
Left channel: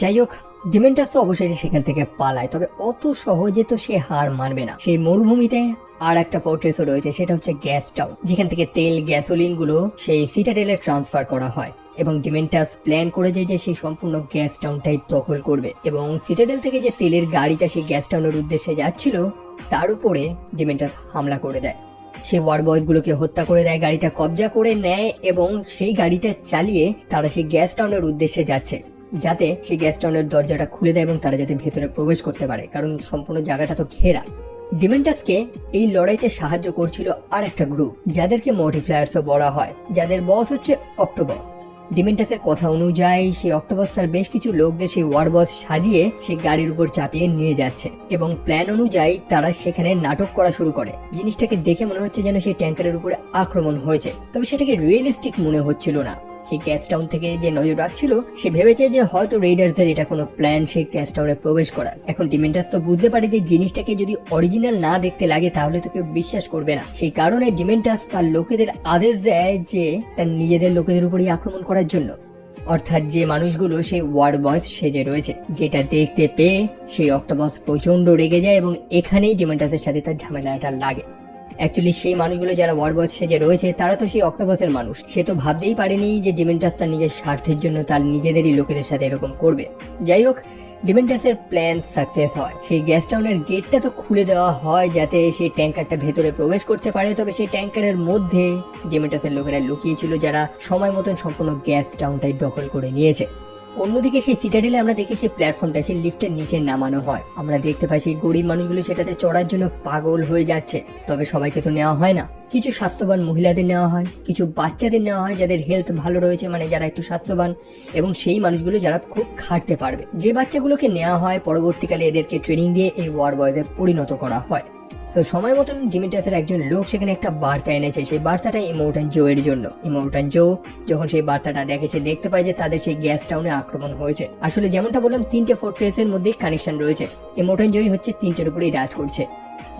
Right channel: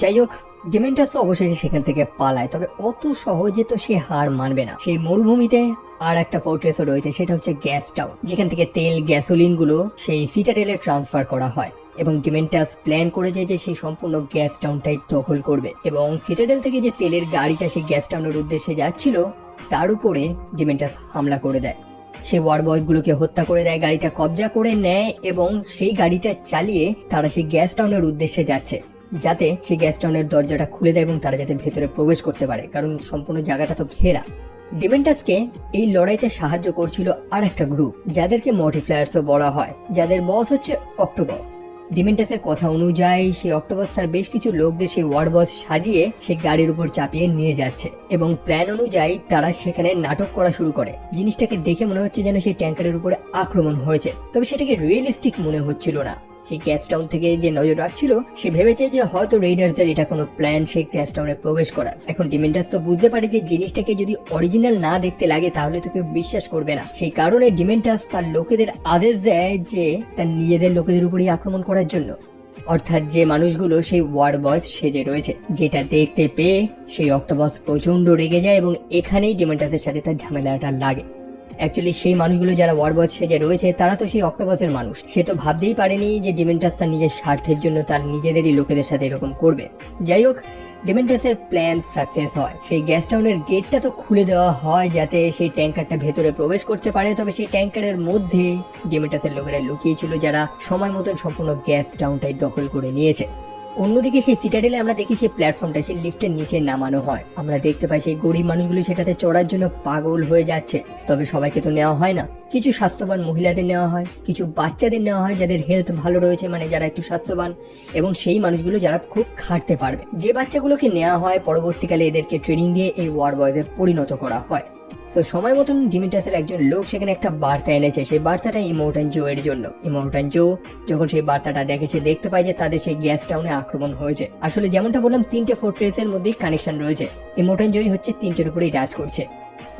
যাই হোক, ডিমেন্টাস তো অবশেষে সেখান থেকে পালায়। তবে অত সহজে তো সে হার মানবে না। সেই মরুভূমিতে আর একটা ফোর্ট্রেসও রয়েছে, সেটা হচ্ছে গ্যাস টাউন, যেখান থেকে তেল গ্যাসোলিন গুলো সেই সিটাডেলে ট্রান্সফার করা হয়। এবং ডিমেন্টাস প্ল্যান করে যায় যে সেই সম্পূর্ণ গ্যাস টাউনটাই দখল করবে। এবং সিটাডেল থেকে যে তেলের গাড়িটা সেই গ্যাস টাউনের উদ্দেশ্যে যাচ্ছিল তার উপরে ডিমেন্টাস হামলা করে দেয়। সে ওয়ার বয়েজ গুলোকে হত্যা করে দেয়, গাড়িটা কবজা করে নেয় এবং সেই গাড়িটা চালিয়ে তারা সেই গ্যাস টাউনের উদ্দেশ্যে যাচ্ছে, যাতে সেই গ্যাস টাউনের দরজাটা খুলে দেয় এবং তারা যাতে ভেতরে প্রবেশ করতে পারে, কারণ সম্পূর্ণ জায়গাটা তো ঘেরা। ডিমেন্টাসকে এই লড়াইতে সাহায্য করছিল আর একটা গ্রুপ, যাদেরকে মডিফ্লায়ার্সও বলা হয়, যাদের বস হচ্ছে অক্টোপাস। ডিমেন্টাসের কথা অনুযায়ী সেই অক্টোপাস তার বেশ কিছু লোকদের সেই ওয়ার বস সাজিয়ে সেই গাড়ির উপর চাপিয়ে নিয়ে যাচ্ছে, এবং প্ল্যান অনুযায়ী তারা সেখানে নাটক করা শুরু করে। জিনিসটাকে দেখে মনে হচ্ছে যেন সেই ট্যাঙ্কারের উপরে আক্রমণ হয়েছে, তবে সেটাকে রিয়েলিস্টিক মনে হচ্ছিল না। সেই গ্যাস টাউন থেকে যে নজর রাখছিল সে ভেবেছে যে হয়তো রেইডার্সদের এটা কোনো প্ল্যান সেই গ্যাস টাউনে প্রবেশ করার। এখন ডিমেন্টাস তো বুঝতে পারে যে জিনিসটাকে যদি অরিজিনাল না দেখতে লাগে তাহলে তো কেউ বিশ্বাস করবে না। সেই কারণে ডিমেন্টাস তার লোকেদের আদেশ দেয় যে তার নিজেদের লোকেদের উপরই আক্রমণ করার জন্য, অর্থাৎ যে মানুষগুলো সেই ওয়ার বস সেজে রয়েছে। যেটা দেখতে পেয়ে সেই অক্টোপাস প্রচন্ড রেগে যায় এবং এখানেই ডিমেন্টাসের সাথে তার ঝামেলাটা লাগে। অ্যাকচুয়ালি সেই মানুষগুলো যারা ওয়ারবস সেজে রয়েছে তারা তো সেই অক্টোপাসের মানুষ। সে তো ভাবতেই পারেনি যে ডিমেন্টাস তার নিজের স্বার্থের জন্য তার নিজেদেরই লোকেদের সাথে এরকম করবে। যাই হোক, ডিমেন্টাসের প্ল্যান সাকসেস হয়। সেই গ্যাস টাউনের গেটটা তো খুলে দেওয়া হয় যাতে সেই ট্যাঙ্কারটা ভেতরে প্রবেশ করতে পারে, তবে সেই ট্যাঙ্কারের মধ্যে ডিমেন্টাসের লোকেরা লুকিয়ে ছিল, যারা সময় মতন সম্পূর্ণ গ্যাস টাউনটাই দখল করে নিয়েছে। অন্যদিকে সেই সিটাডেলে আমরা দেখি সেই প্ল্যাটফর্মটা সেই লিফটের নিচে নামানো হয়। আমরা দেখতে পাই সেই গরিব মানুষগুলো সেটাতে চড়ার জন্য পাগল হয়ে যাচ্ছে, তবে সবাইকে তো নেওয়া হয় না। কিছু স্বাস্থ্যবান মহিলাদের নেওয়া হয়, কিছু বাচ্চাদের নেওয়া হয় যাদের হেলথ ভালো রয়েছে, মানে যারা একটু স্বাস্থ্যবান, এবং সেই মানুষগুলো যারা খুব খাটতে পারবে। যে বাচ্চাগুলোকে নেওয়া হয় পরবর্তীকালে এদেরকে ট্রেনিং দিয়ে এই ওয়ার বয়েজে পরিণত করা হয়। তো সময় মতন ডিমেন্টাসের একজন লোক সেখানে একটা বার্তা এনেছে, সেই বার্তাটা ইমোর্টাল জো এর জন্য। ইমোর্টাল জো যখন সেই বার্তাটা দেখেছে, দেখতে পায় যে তাদের সেই গ্যাস টাউনে আক্রমণ হয়েছে। আসলে যেমনটা বললাম, 3টে ফোর্ট্রেসের মধ্যে কানেকশন রয়েছে। ইমোর্টাল জোই হচ্ছে 3টের উপরেই রাজ করছে।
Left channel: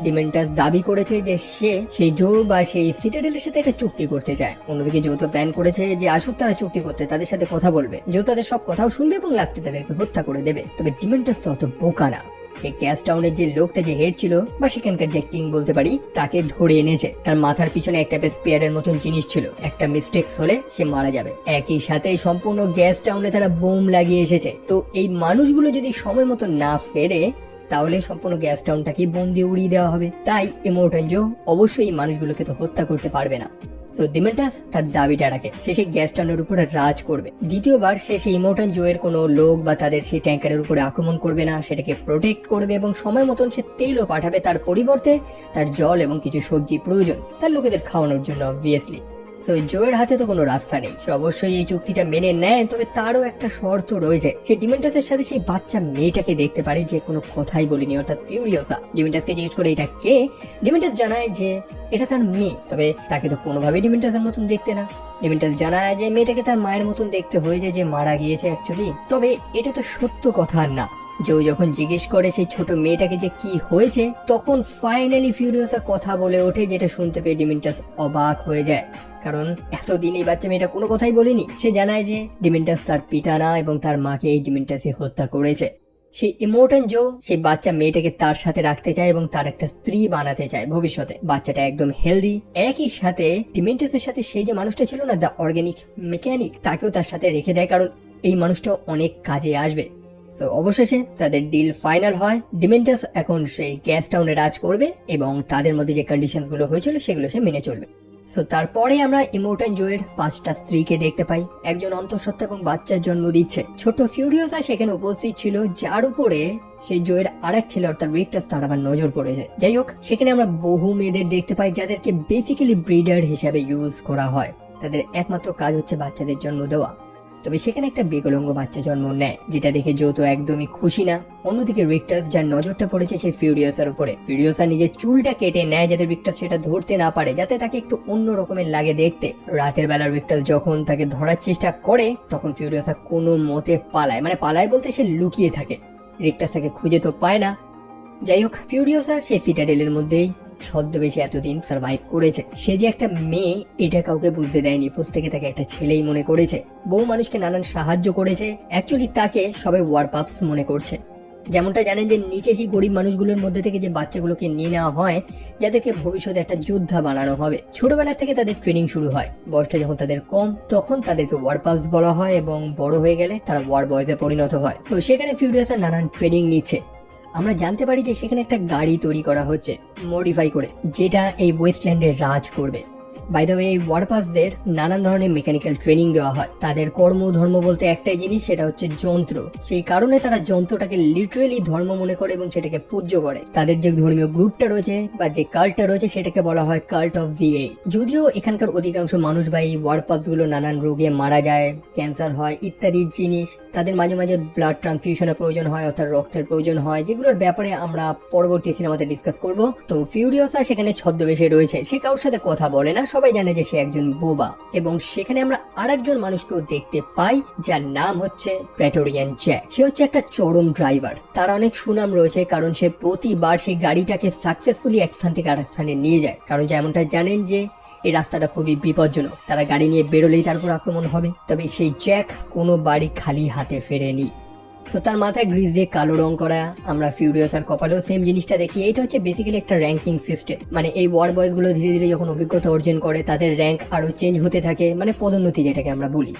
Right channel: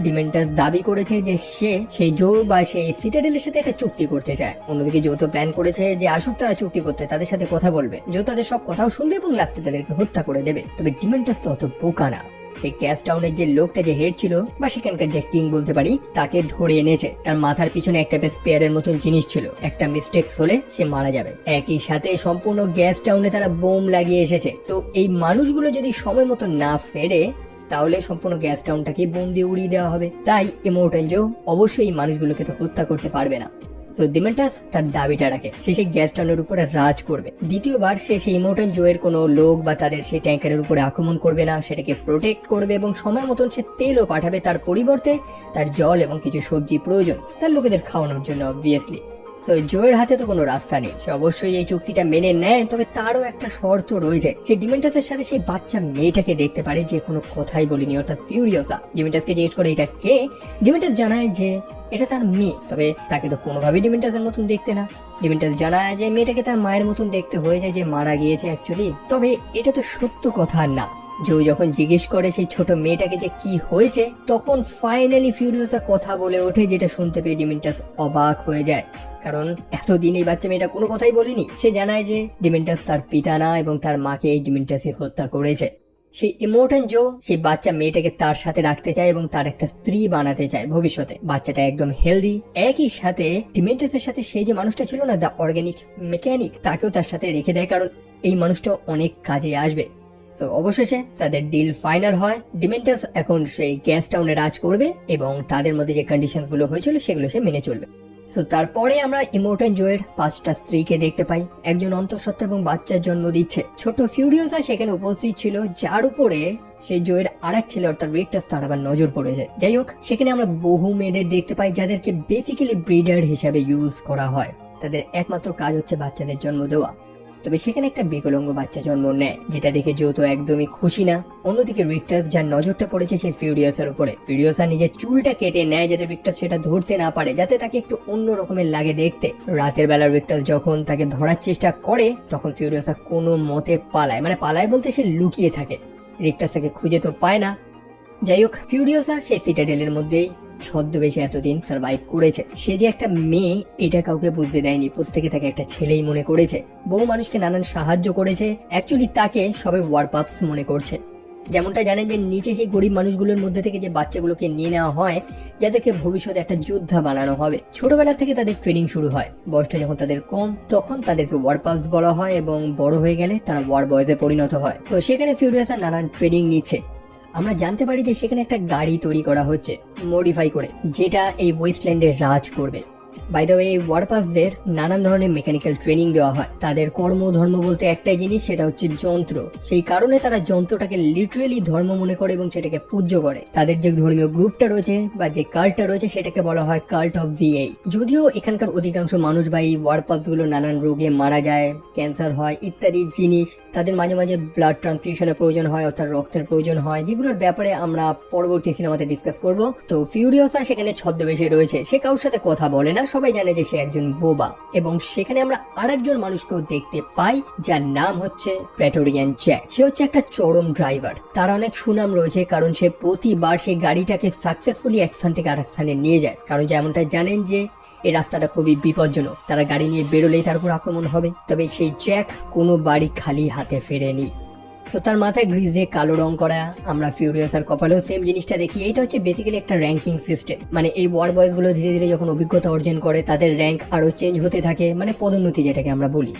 ডিমেন্টাস দাবি করেছে যে সে সেই জো বা সেই সিটাডেলের সাথে একটা চুক্তি করতে চায়। অন্যদিকে জো তো প্ল্যান করেছে যে আসুক তারা চুক্তি করতে, তাদের সাথে কথা বলবে। জো তাদের সব কথাও শুনবে এবং লাস্টে তাদেরকে হত্যা করে দেবে। তবে ডিমেন্টাস তো অত বোকা না। সেই গ্যাস টাউনের যে লোকটা যে হেড ছিল বা সেখানকার যে কিং বলতে পারি, তাকে ধরে এনেছে। তার মাথার পিছনে একটা স্পেয়ারের মতন জিনিস ছিল, একটা মিস্টেক্স হলে সে মারা যাবে। একই সাথে সম্পূর্ণ গ্যাস টাউনে তারা বোম লাগিয়ে এসেছে। তো এই মানুষগুলো যদি সময় মতো না ফেরে তাহলে সম্পূর্ণ গ্যাস টাউনটাকে বোম দিয়ে উড়িয়ে দেওয়া হবে। তাই ইমোর্টাল জো অবশ্যই এই মানুষগুলোকে তো হত্যা করতে পারবে না। সো ডিমেন্টাস তার দাবিটা রাখে, সে সেই গ্যাস টাউনের উপরে রাজ করবে। দ্বিতীয়বার সে সেই ইমোর্টাল জোয়ের কোনো লোক বা তাদের সেই ট্যাঙ্কারের উপরে আক্রমণ করবে না, সেটাকে প্রোটেক্ট করবে এবং সময় মতন সে তেলও পাঠাবে। তার পরিবর্তে তার জল এবং কিছু সবজি প্রয়োজন তার লোকেদের খাওয়ানোর জন্য, অবভিয়াসলি। সো জোয়ের হাতে তো কোনো রাস্তা নেই, সে অবশ্যই এই চুক্তিটা মেনে নেয়। তবে তারও একটা শর্ত রয়েছে। সে ডিমেন্টাসের সাথে সেই বাচ্চা মেয়েটাকে দেখতে পারে যে কোনো কথাই বলেনি, অর্থাৎ ফিউরিওসা। ডিমেন্টাসকে জিজ্ঞেস করে এটা কে। ডিমেন্টাস জানায় যে এটা তার মেয়ে, তবে তাকে তো কোনোভাবেই ডিমেন্টাসের মতন দেখতে না। ডিমেন্টাস জানায় যে মেয়েটাকে তার মায়ের মতন দেখতে হয়েছে, যে মারা গিয়েছে অ্যাকচুয়ালি। তবে এটা তো সত্য কথা না। জো যখন জিজ্ঞেস করে সেই ছোট মেয়েটাকে যে কি হয়েছে, তখন ফাইনালি ফিউরিওসা কথা বলে ওঠে, যেটা শুনতে পেয়ে ডিমেন্টাস অবাক হয়ে যায়। কারণ এতদিন এই বাচ্চা মেয়েটা কোনো কথাই বলেনি। সে জানায় যে ডিমেন্টাস তার পিতা না এবং তার মাকে এই ডিমেন্টাসই হত্যা করেছে। সেই ইমোর্টাল জো সেই বাচ্চা মেয়েটাকে তার সাথে রাখতে চায় এবং তার একটা স্ত্রী বানাতে চায় ভবিষ্যতে। বাচ্চাটা একদম হেলদি। একই সাথে ডিমেন্টাসের সাথে সেই যে মানুষটা ছিল না, দ্য অর্গানিক মেকানিক, তাকেও তার সাথে রেখে দেয়, কারণ এই মানুষটা অনেক কাজে আসবে। সো অবশেষে তাদের ডিল ফাইনাল হয়। ডিমেন্টাস এখন সেই গ্যাস টাউনে রাজ করবে এবং তাদের মধ্যে যে কন্ডিশনস গুলো হয়েছিল সেগুলো সে মেনে চলবে। সো তারপরে আমরা ইমোর্টাল জোয়ের 5টা স্ত্রীকে দেখতে পাই। একজন অন্তঃসত্ত্বা এবং বাচ্চার জন্ম দিচ্ছে। ছোট ফিউরিওসা সেখানে উপস্থিত ছিল, যার উপরে সেই জোয়ের আরেক ছেলে অর্থাৎ রিকটাস তার আবার নজর পড়েছে। যাই হোক, সেখানে আমরা বহু মেয়েদের দেখতে পাই যাদেরকে বেসিক্যালি ব্রিডার হিসাবে ইউজ করা হয়। তাদের একমাত্র কাজ হচ্ছে বাচ্চাদের জন্ম দেওয়া। তবে সেখানে একটা বিকলাঙ্গ বাচ্চা জন্ম নেয়, যেটা দেখে জো তো একদমই খুশি না। অন্যদিকে রিকটাস, যার নজরটা পড়েছে সেই ফিউরিওসার উপরে, ফিউরিওসা নিজের চুলটা কেটে নেয় যাতে রিকটাস সেটা ধরতে না পারে, যাতে তাকে একটু অন্য রকমের লাগে দেখতে। রাতের বেলা রিকটাস যখন তাকে ধরার চেষ্টা করে, তখন ফিউরিওসা কোনো মতে পালায়, মানে পালায় বলতে সে লুকিয়ে থাকে। রিকটাস তাকে খুঁজে তো পায় না। যাই হোক, ফিউরিওসা সেই সিটাডেলের মধ্যেই ছদ্মবেশে এতদিন সার্ভাইভ করেছে। সে যে একটা মেয়ে এটা কাউকে বুঝতে দেয়নি, প্রত্যেকে তাকে একটা ছেলেই মনে করেছে। বহু মানুষকে নানান সাহায্য করেছে, অ্যাকচুয়ালি তাকে সবাই ওয়ারপাপস মনে করছে। যেমনটা জানেন যে নিচে সেই গরিব মানুষগুলোর মধ্যে থেকে যে বাচ্চাগুলোকে নিয়ে নেওয়া হয়, যাদেরকে ভবিষ্যতে একটা যোদ্ধা বানানো হবে। ছোটবেলা থেকে তাদের ট্রেনিং শুরু হয়, বয়সটা যখন তাদের কম তখন তাদেরকে ওয়ারপাপস বলা হয় এবং বড় হয়ে গেলে তারা ওয়ার বয়েজে পরিণত হয়। সো সেখানে ফিউরিওসা নানান ট্রেনিং নিচ্ছে। আমরা জানতে পারি যে সেখানে একটা গাড়ি তৈরি করা হচ্ছে মডিফাই করে, যেটা এই ওয়েস্টল্যান্ডে রাজ করবে। বাই দ্য ওয়ে, এই ওয়ারপাসদের নানান ধরনের মেকানিক্যাল ট্রেনিং দেওয়া হয়। তাদের কর্ম ধর্ম বলতে একটাই জিনিস, সেটা হচ্ছে যন্ত্র। সেই কারণে তারা যন্ত্রটাকে লিটারেলি ধর্ম মনে করে এবং সেটাকে পূজ্য করে। তাদের যে ধর্মীয় গ্রুপটা রয়েছে বা যে কাল্টটা রয়েছে সেটাকে বলা হয় কাল্ট অফ ভিএ। যদিও এখানকার অধিকাংশ মানুষ বা এই ওয়ারপাস গুলো নানান রোগে মারা যায়, ক্যান্সার হয় ইত্যাদি জিনিস, তাদের মাঝে মাঝে ব্লাড ট্রান্সফিউশনের প্রয়োজন হয়, অর্থাৎ রক্তের প্রয়োজন হয়, যেগুলোর ব্যাপারে আমরা পরবর্তী সিনেমাতে ডিসকাস করব। তো ফিউরিওসা সেখানে ছদ্মবেশে রয়েছে, সে কারোর সাথে কথা বলে না, সবাই জানে যে সে একজন বোবা। এবং সেখানে আমরা আরেকজন মানুষকেও দেখতে পাই যার নাম হচ্ছে প্রেটোরিয়ান জ্যাক। সে হচ্ছে একটা চরম ড্রাইভার। তার অনেক সুনাম রয়েছে কারণ সে প্রতিবার সেই গাড়িটাকে সাকসেসফুলি এক স্থান থেকে আরেক স্থানে নিয়ে যায়। কারণ যেমনটা জানেন যে এই রাস্তাটা খুবই বিপজ্জনক, তারা গাড়ি নিয়ে বেরোলেই তার উপর আক্রমণ হবে। তবে সেই জ্যাক কোনো বাড়ি খালি হাতে ফেরেনি। সো তার মাথায় গ্রিজ দিয়ে কালো রং করা। আমরা ফিউরিয়াসার কপালেও সেম জিনিসটা দেখি। এটা হচ্ছে বেসিক্যালি একটা র্যাঙ্কিং সিস্টেম, মানে এই ওয়ার বয়েজ গুলো ধীরে ধীরে যখন অভিজ্ঞতা অর্জন করে তাদের র্যাঙ্ক আরো চেঞ্জ হতে থাকে, মানে পদোন্নতি যেটাকে আমরা বলি।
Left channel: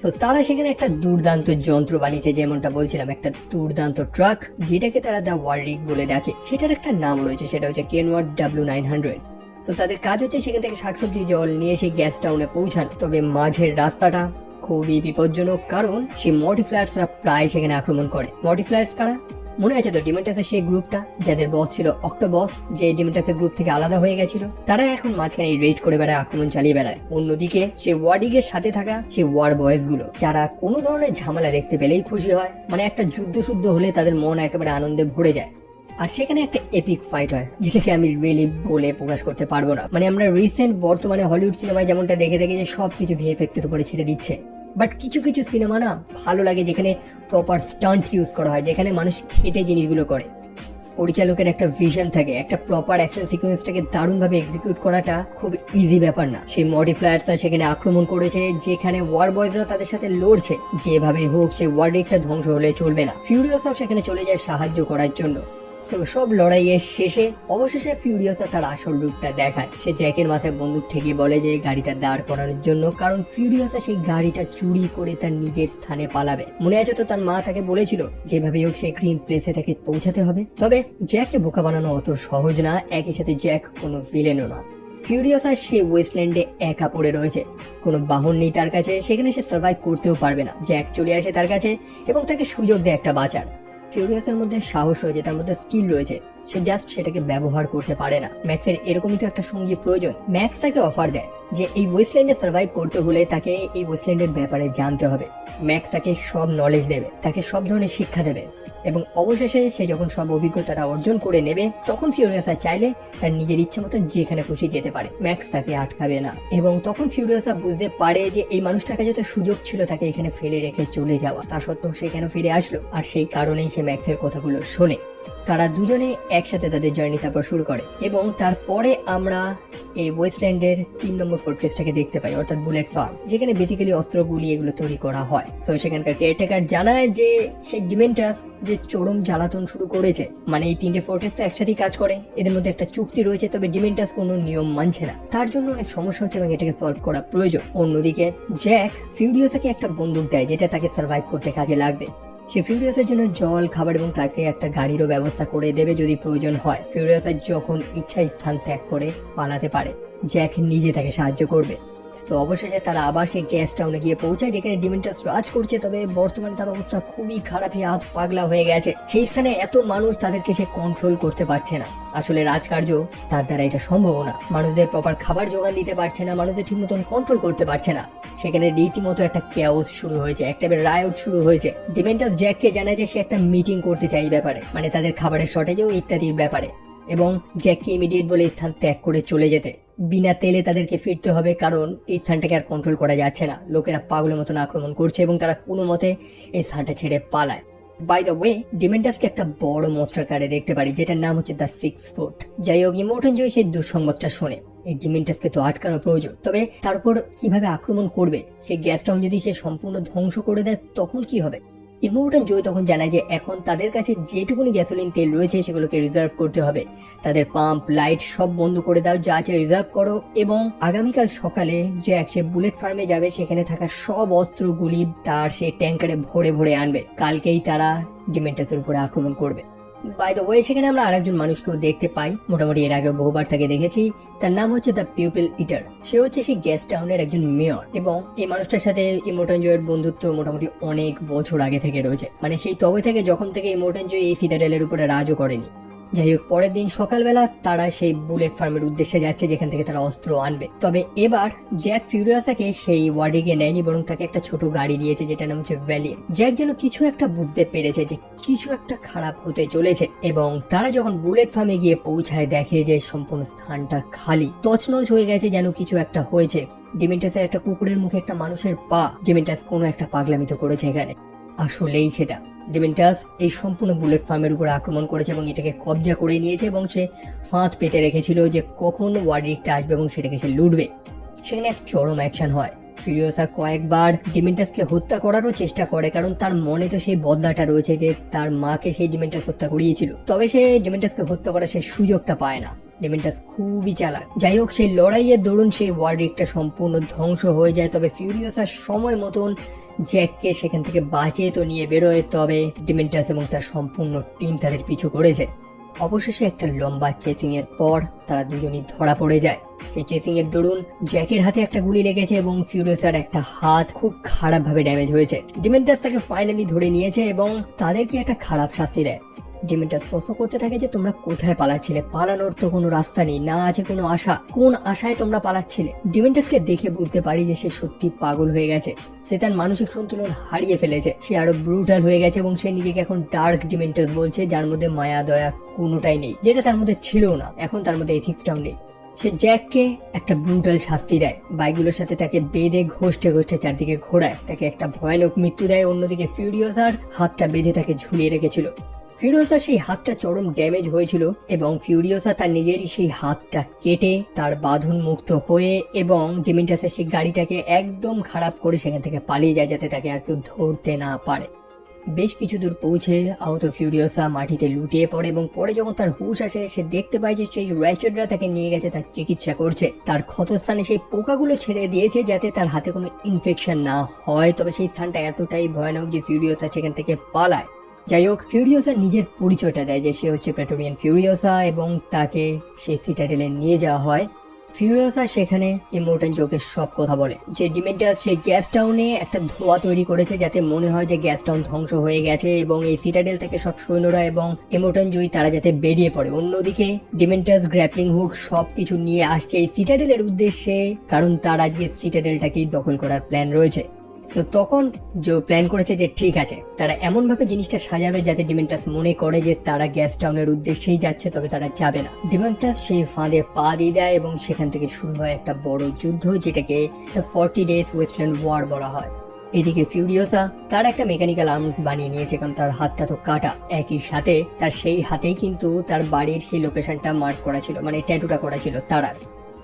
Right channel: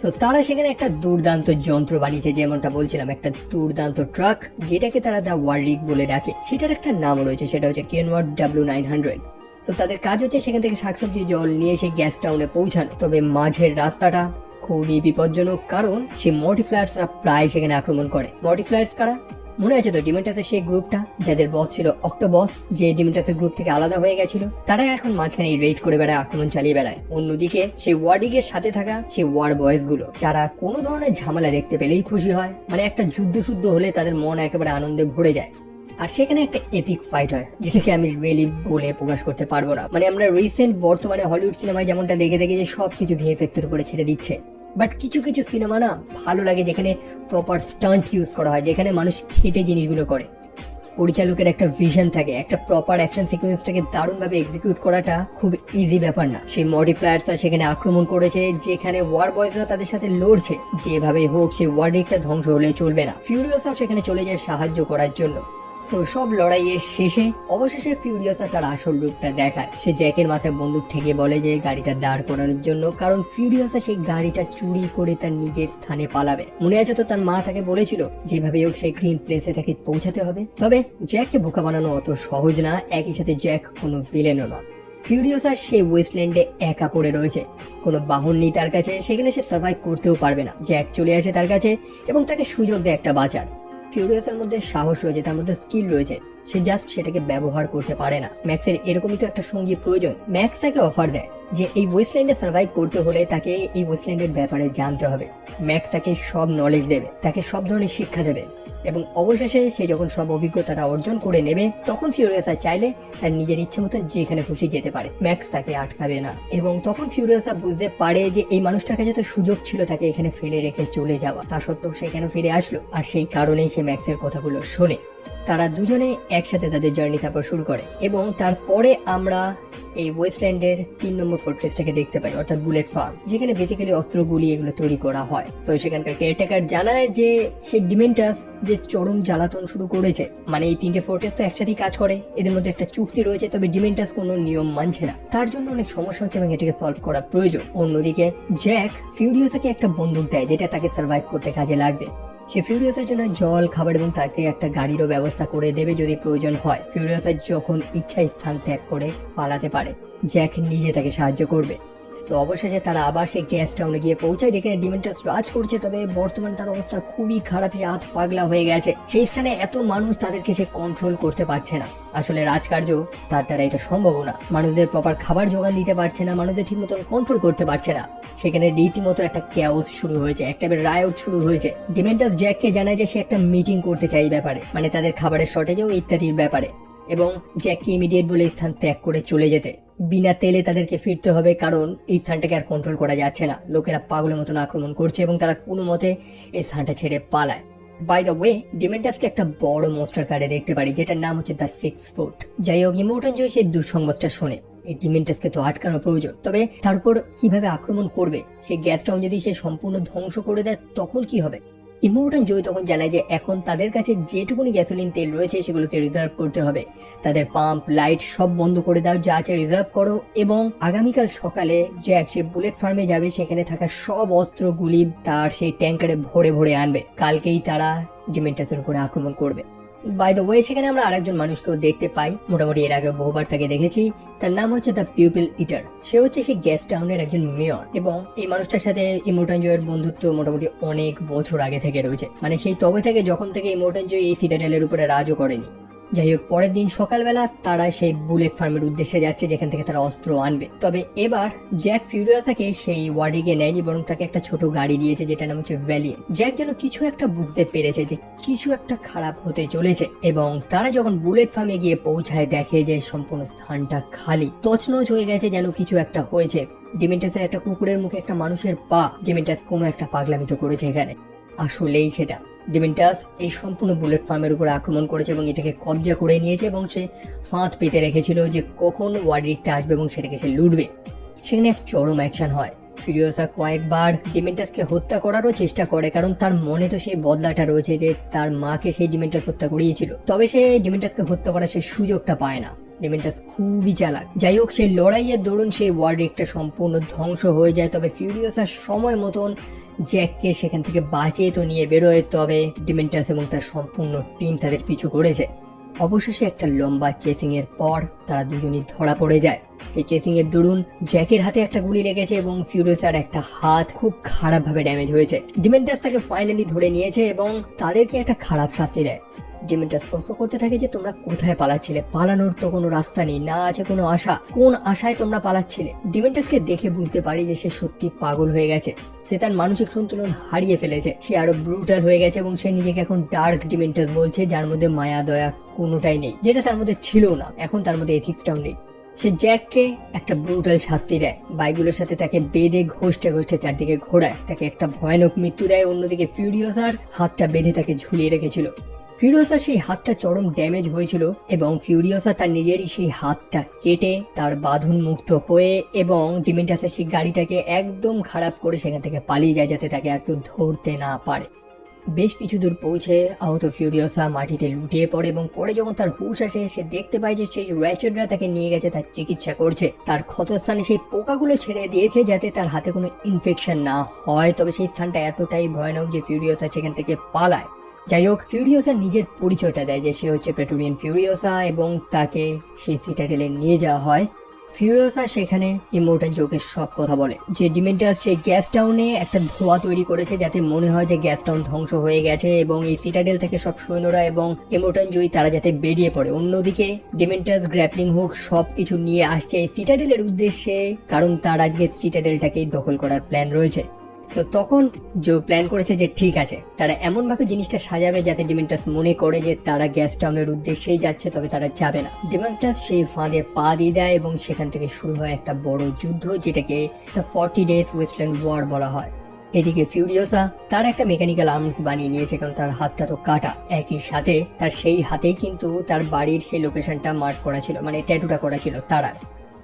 সো তারা সেখানে একটা দুর্দান্ত যন্ত্র বানিয়েছে, যেমনটা বলছিলাম, একটা দুর্দান্ত ট্রাক যেটাকে তারা দ্য ওয়াররিগ বলে ডাকে। সেটার একটা নাম রয়েছে, সেটা হচ্ছে কেনওয়ার্ড W900। সো তাদের কাজ হচ্ছে সেখান থেকে শাকসবজি জল নিয়ে সেই গ্যাস টাউনে পৌঁছানো। তবে মাঝের রাস্তাটা খুবই বিপজ্জনক, কারণ সেই মডিফ্লায়ার্সরা প্রায় সেখানে আক্রমণ করে। মডিফ্লায়ার্স কারা মনে আছে তো? ডিমেন্টাসের সেই গ্রুপটা যাদের বস ছিল অক্টোবস, যে ডিমেন্টাসের গ্রুপ থেকে আলাদা হয়ে গেছিল। তারা এখন মাঝখানে রেড করে বেড়ায়, আক্রমণ চালিয়ে বেড়ায়। অন্যদিকে সেই ওয়ার্ডিগের সাথে থাকা সেই ওয়ার বয়েজ গুলো, যারা কোনো ধরনের ঝামেলা দেখতে পেলেই খুশি হয়, মানে একটা যুদ্ধ শুদ্ধ হলে তাদের মন একেবারে আনন্দে ভরে যায়। আর সেখানে একটা এপিক ফাইট হয়, যেটাকে আমি রিয়েলি বলে প্রকাশ করতে পারবো না। মানে আমরা রিসেন্ট বর্তমানে হলিউড সিনেমায় যেমনটা দেখে থাকি যে সবকিছু ভিএফএক্স এর উপরে ছেড়ে দিচ্ছে, বাট কিছু কিছু সিনেমা না ভালো লাগে যেখানে প্রপার স্টান্ট ইউজ করা হয়, যেখানে মানুষ খেটে জিনিসগুলো করে। পরিচালকের একটা ভিশন থাকে, একটা প্রপার অ্যাকশন সিকোয়েন্সটাকে দারুণভাবে এক্সিকিউট করাটা খুব ইজি ব্যাপার না। সেই মডিফ্লায়ার্সরা সেখানে আক্রমণ করেছে, যেখানে ওয়ার বয়েজরা তাদের সাথে লড়ছে। যেভাবে হোক সে ওয়াররিগটা ধ্বংস হলে চলবে না। ফিউরিয়াসও সেখানে চলে যায় সাহায্য করার জন্য। সো সব লড়াইয়ের শেষে অবশেষে ফিউরিয়াসা তার আসল রূপটা দেখায়। সে জ্যাকের মাথায় বন্দুক ঠেকে বলে যে গাড়িটা দাঁড় করানোর জন্য, কারণ ফিউরিয়াসা সেই গাড়িটা চুরি করে তার নিজের স্থানে পালাবে। মনে আছে তো তার মা তাকে বলেছিল যেভাবে হোক সেই গ্রিন প্লেসে তাকে পৌঁছাতে হবে। তবে জ্যাককে বোকা বানানো অত সহজ না, একই সাথে জ্যাক কোনো ভিলেনও না। ফিউরিয়াসা সে ওয়েস্টল্যান্ডে একা পড়ে রয়েছে, কোনো বাহন নেই তার কাছে, সেখানে সে সার্ভাইভ করতেও পারবে না। জ্যাক চলে আসে তার কাছে এবং তাকে সুযোগ দেয় একটা বাঁচার। ফিউরিয়াসের মধ্যে সাহস রয়েছে, তার মধ্যে স্কিল রয়েছে, সে জাস্ট সেটাকে ব্যবহার করতে পারে না। ম্যাক্সের এরকমই তো একটা সঙ্গী প্রয়োজন। ম্যাক্স তাকে অফার দেয় যে এই ওয়েস্টল্যান্ডে সার্ভাইভ করতে হলে তাকে এই ওয়েস্টল্যান্ডের ব্যাপারে জানতে হবে। ম্যাক্স তাকে সব নলেজ দেবে, তাকে সব ধরনের শিক্ষা দেবে, এবং অবশেষে সে যখন সব অভিজ্ঞতাটা অর্জন করে নেবে তখন ফিউরিয়াসা চাইলে তার নিজের ইচ্ছা মতন যেখানে খুশি যেতে পারে। ম্যাক্স তাকে আটকাবে না। এবং তখন ফিউরিয়াসা বুঝতে পারে যে এই মানুষটার কাছে তো সুযোগ ছিল তাকে এখানে ফেলে রেখে চলে যাওয়া, তা সত্ত্বেও সে কেন ফিরে আসলো। আর সেই কারণেই সে ম্যাক্সের কথাগুলো শুনে। তারা দুজনে একসাথে তাদের জার্নি তারপর শুরু করে, এবং তারপরে আমরা এই ওয়েস্টল্যান্ডের 3 নম্বর ফোর্ট্রেসটাকে দেখতে পাই, অর্থাৎ বুলেট ফার্ম, যেখানে বেসিক্যালি অস্ত্রগুলি এগুলো তৈরি করা হয়। সো সেখানকার কেয়ারটেকার জানায় যে সেই ডিমেন্টাস যে চরম জ্বালাতন শুরু করেছে, মানে এই 3টে ফোর্ট্রেস তো একসাথেই কাজ করে, এদের মধ্যে একটা চুক্তি রয়েছে, তবে ডিমেন্টাস কোনো নিয়ম মানছে না। তার জন্য অনেক সমস্যা হচ্ছে এবং এটাকে সলভ করা প্রয়োজন। অন্যদিকে জ্যাক ফিউরিয়াসাকে একটা বন্দুক দেয় যেটা তাকে সার্ভাইভ করতে কাজে লাগবে। সে ফিউরিয়াসের জন্য জল, খাবার এবং তাকে একটা গাড়িরও ব্যবস্থা করে দেবে যদি প্রয়োজন হয়। ফিউরিয়াসা যখন ইচ্ছা স্থান ত্যাগ করে পালাতে পারে, জ্যাক নিজে তাকে সাহায্য করবে। তো অবশেষে তারা আবার সেই গ্যাস টাউনে গিয়ে পৌঁছায়, যেখানে ডিমেন্টাস রাজ করছে। তবে বর্তমানে তার অবস্থা খুবই খারাপ, হাত পাগলা হয়ে গেছে। সেই স্থানে এত মানুষ, তাদেরকে সে কন্ট্রোল করতে পারছে না। আসলে রাজকার্য তার দ্বারা এটা সম্ভব না। মানুষদের প্রপার খাবার যোগান দিতে পারছে না, মানুষদের ঠিক মতন কন্ট্রোল করতে পারছে না। সেখানে রীতিমতো একটা ক্যাওস শুরু হয়েছে, একটা রায়ট শুরু হয়েছে। ডিমেন্টাস জ্যাককে জানায় যে সে একটা মিটিং করতে চাই এই ব্যাপারে, মানে তাদের খাবারের শর্টেজ ইত্যাদির ব্যাপারে, এবং জ্যাককে ইমিডিয়েট বলে স্থান ত্যাগ করে চলে যেতে। বিনা তেলে তাদেরকে ফিরতে হবে, কারণ এই স্থানটাকে আর কন্ট্রোল করা যাচ্ছে না। লোকেরা পাগলের মতন আক্রমণ করছে এবং তারা কোনো মতে এই স্থানটা ছেড়ে পালায়। বাই দ্য ওয়ে, ডিমেন্টাসকে একটা বড় মনস্টার কারে দেখতে পারি, যেটার নাম হচ্ছে দ্য 6 ফুট। যাই হোক, ইমোর্টাল জয় সেই দুঃসংবাদটা শোনে। এই ডিমেন্টাসকে তো আটকানো প্রয়োজন, তবে তারপর কিভাবে আক্রমণ করবে? সেই গ্যাস টাউন যদি সে সম্পূর্ণ ধ্বংস করে দেয় তখন কি হবে? ইমোর্টাল জয় তখন জানায় যে এখন তাদের কাছে যেটুকুনি গ্যাসোলিন তেল রয়েছে সেগুলোকে রিজার্ভ করতে হবে। তাদের পাম্প, লাইট সব বন্ধ করে দাও, যা আছে রিজার্ভ করো, এবং আগামীকাল সকালে জ্যাক সে বুলেট ফার্মে যাবে, সেখানে থাকা সব অস্ত্রগুলি তার সেই ট্যাঙ্কারে ভরে ভরে আনবে। কালকেই তারা ডিমেন্টাসের উপরে আক্রমণ করবে। বাই দ্য ওয়ে সেখানে আমরা আরেকজন মানুষকেও দেখতে পাই, মোটামুটি এর আগে বহুবার তাকে দেখেছি। তার নাম হচ্ছে দ্য পিপল ইটার। সে হচ্ছে সেই গ্যাস টাউনের একজন মেয়র, এবং এই মানুষটার সাথে ইমোর্টাল জয়ের বন্ধুত্ব মোটামুটি অনেক বছর আগে থেকে রয়েছে, মানে সেই তবে থেকে যখন থেকে ইমোর্টাল জয় এই সিটাডেলের উপরে রাজও করেনি। যাই হোক, পরের দিন সকালবেলা তারা সেই বুলেট ফার্মের উদ্দেশ্যে যাচ্ছে যেখান থেকে তারা অস্ত্র আনবে। তবে এবার জ্যাক ফিউরিয়াসাকে সেই ওয়ার্ডিকে নেয়নি, বরং তাকে একটা ছোট গাড়ি দিয়েছে যেটা নাম হচ্ছে ভ্যালিয়েন্ট। জ্যাক যেন কিছু একটা বুঝতে পেরেছে যে কিছু একটা খারাপ হতে চলেছে, এবং তারা যখন বুলেট ফার্মে গিয়ে পৌঁছায় দেখে যে সম্পূর্ণ স্থানটা খালি, তছনছ হয়ে গেছে, যেন কিছু একটা হয়েছে। ডিমেন্টাসের একটা কুকুরের মুখে একটা মানুষের পা। ডিমেন্টাস কোনো একটা পাগলামি তো করেছে এখানে। আসলেই সেটা, ডিমেন্টাস এই সম্পূর্ণ বুলেট ফার্মের উপর আক্রমণ করেছে এবং এটাকে কবজা করে নিয়েছে, এবং সে ফাঁদ পেতে রেখেছিল যে কখন ওয়ার্ডরিকটা আসবে এবং সেটাকে সে লুটবে। সেখানে এক চরম অ্যাকশন হয়। ফিউরিয়াসা কয়েকবার ডিমেন্টাসকে হত্যা করারও চেষ্টা করে, কারণ তার মনে তো সেই বদলাটা রয়েছে যে তার মাকে সেই ডিমেন্টাস হত্যা করিয়েছিল। তবে সে ডিমেন্টাসকে হত্যা করার সেই সুযোগটা পায় না। ডিমেন্টাস খুবই চালাক। যাই হোক, সেই লড়াইয়ের দরুন সেই ওয়ার্ডরিকটা সম্পূর্ণ ধ্বংস হয়ে যায়। তবে ফিউরিয়াসা সময় মতন জ্যাককে সেখান থেকে বাঁচিয়ে তো নিয়ে বেরোয়, তবে ডিমেন্টাস এবং তার সম্পূর্ণ টিম তাদের পিছু করেছে। অবশেষে একটা লম্বা চেসিং এর পর তারা দুজনই ধরা পড়ে যায়। সেই চেসিং এর দরুন জ্যাকের হাতে একটা গুলি লেগেছে এবং ফিউরিয়াসার একটা হাত খুব খারাপ ভাবে ড্যামেজ হয়েছে। ডিমেন্টাস তাকে ফাইনালি ধরে নিয়েছে এবং তাদেরকে একটা খারাপ শাস্তি দেয়। ডিমেন্টাস প্রশ্ন করতে থাকে যে তোমরা কোথায় পালাচ্ছিলে? পালানোর তো কোনো রাস্তা নেই, না আছে কোনো আশা। কোন আশায় তোমরা পালাচ্ছিলে? ডিমেন্টাসকে দেখে বুঝতে পারি যে সে সত্যি পাগল হয়ে গেছে। সে তার মানসিক সন্তুলন হারিয়ে ফেলেছে। সে আরো ব্রুটাল হয়ে গেছে এবং সে নিজেকে এখন ডার্ক ডিমেন্টাস বলছে, যার মধ্যে মায়া দয়া কোনোটাই নেই, যেটা তার মধ্যে ছিল না। এখন তার মধ্যে এথিক্সটাও নেই। সে জ্যাককে একটা ব্রুটাল শাস্তি দেয়, বাইকগুলোর সাথে তাকে বেঁধে ঘষতে ঘষতে চারদিকে ঘোরায়, তাকে একটা ভয়ানক মৃত্যু দেয়। অন্যদিকে ফিউরিয়াসার হাতটা বেঁধে তাকে ঝুলিয়ে রেখেছিল। ফিউরিয়াসার সেই হাতটা চরম ড্যামেজ হয়েছিল এবং ফিউরিয়াসা তার নিজেরই সেই হাতটা কেটে তার বাঁধন মুক্ত হয়ে এবং ডিমেন্টাসের সেই গাড়িটাকে একদম খারাপ করে সেখান থেকে পালিয়ে যায়, যাতে তাকে আর কেউ ধরতে না পারে। বেশ কিছু দূর পৌঁছে আহত ফিউরিয়াসা মাটিতে লুটিয়ে পড়ে এবং পরে যখন তার হুঁশ আসে, সে দেখতে পায় যে সেই রেস্টুরেন্টরা তাকে নিয়ে গেছে তার চিকিৎসা করছে। তার ক্ষতস্থানে সেই পোকাগুলো ছেড়ে দিয়েছে যাতে তার হাতে কোনো ইনফেকশন না হয়। তবে সেই স্থানটা এতটাই ভয়ানক যে ফিউরিয়াসা সেখান থেকে পালায়। যাই হোক, ফিউরিয়াসা নিজের পরিচয়টা দেয় যে সে হচ্ছে প্রেটোরিয়ান ফিউরিয়াসা এবং তাকে সেই সিটাডেলে নিয়ে যাওয়া হয়। ফিউরিয়াসা সেখানে ইমোর্টাল জোকে সব কথা বলে যে ডিমেন্টাস সেই গ্যাস টাউনে একটা ধোঁয়া তৈরি করেছে যাতে মনে হয় যে গ্যাস টাউন ধ্বংস হয়ে গেছে এবং এই সিটাডেল থেকে সব সৈন্যরা এবং ইমোর্টাল জয় তারা যাতে বেরিয়ে পড়ে। অন্যদিকে ডিমেন্টাস গ্র্যাপলিং হুক সবকিছু নিয়ে আসছে এই সিটাডেলের উদ্দেশ্যে, কারণ তার আজকে সিটাডেলটাকেই দখল করার প্ল্যান রয়েছে। সো তখন জো প্ল্যান করেছে যে ঠিক আছে, তারা এমন ভাবে জিনিসটা সাজাবে যাতে ডিমেন্টাস মনে করে যে তারা গ্যাস টাউনের উদ্দেশ্যেই যাচ্ছে, তবে তারা যাবে না। ডিমেন্টাস সেই ফাঁদে পা দিয়ে দেয় এবং সেখান থেকে শুরু হয় একটা বড় যুদ্ধ, যেটাকে দ্য 40 ডেজ ওয়েস্টল্যান্ড ওয়ার বলা হয়। এদিকে ফিউরিয়াসা তার একটা মেকানিক্যাল আর্মস বানিয়ে নিয়েছে, কারণ তার হাতটা তো কাটা। একই সাথে তার সেই হাতেই কিন্তু তার বাড়ির সেই লোকেশনটা মার্ক করা ছিল, মানে ট্যাটুটা করা ছিল তারার।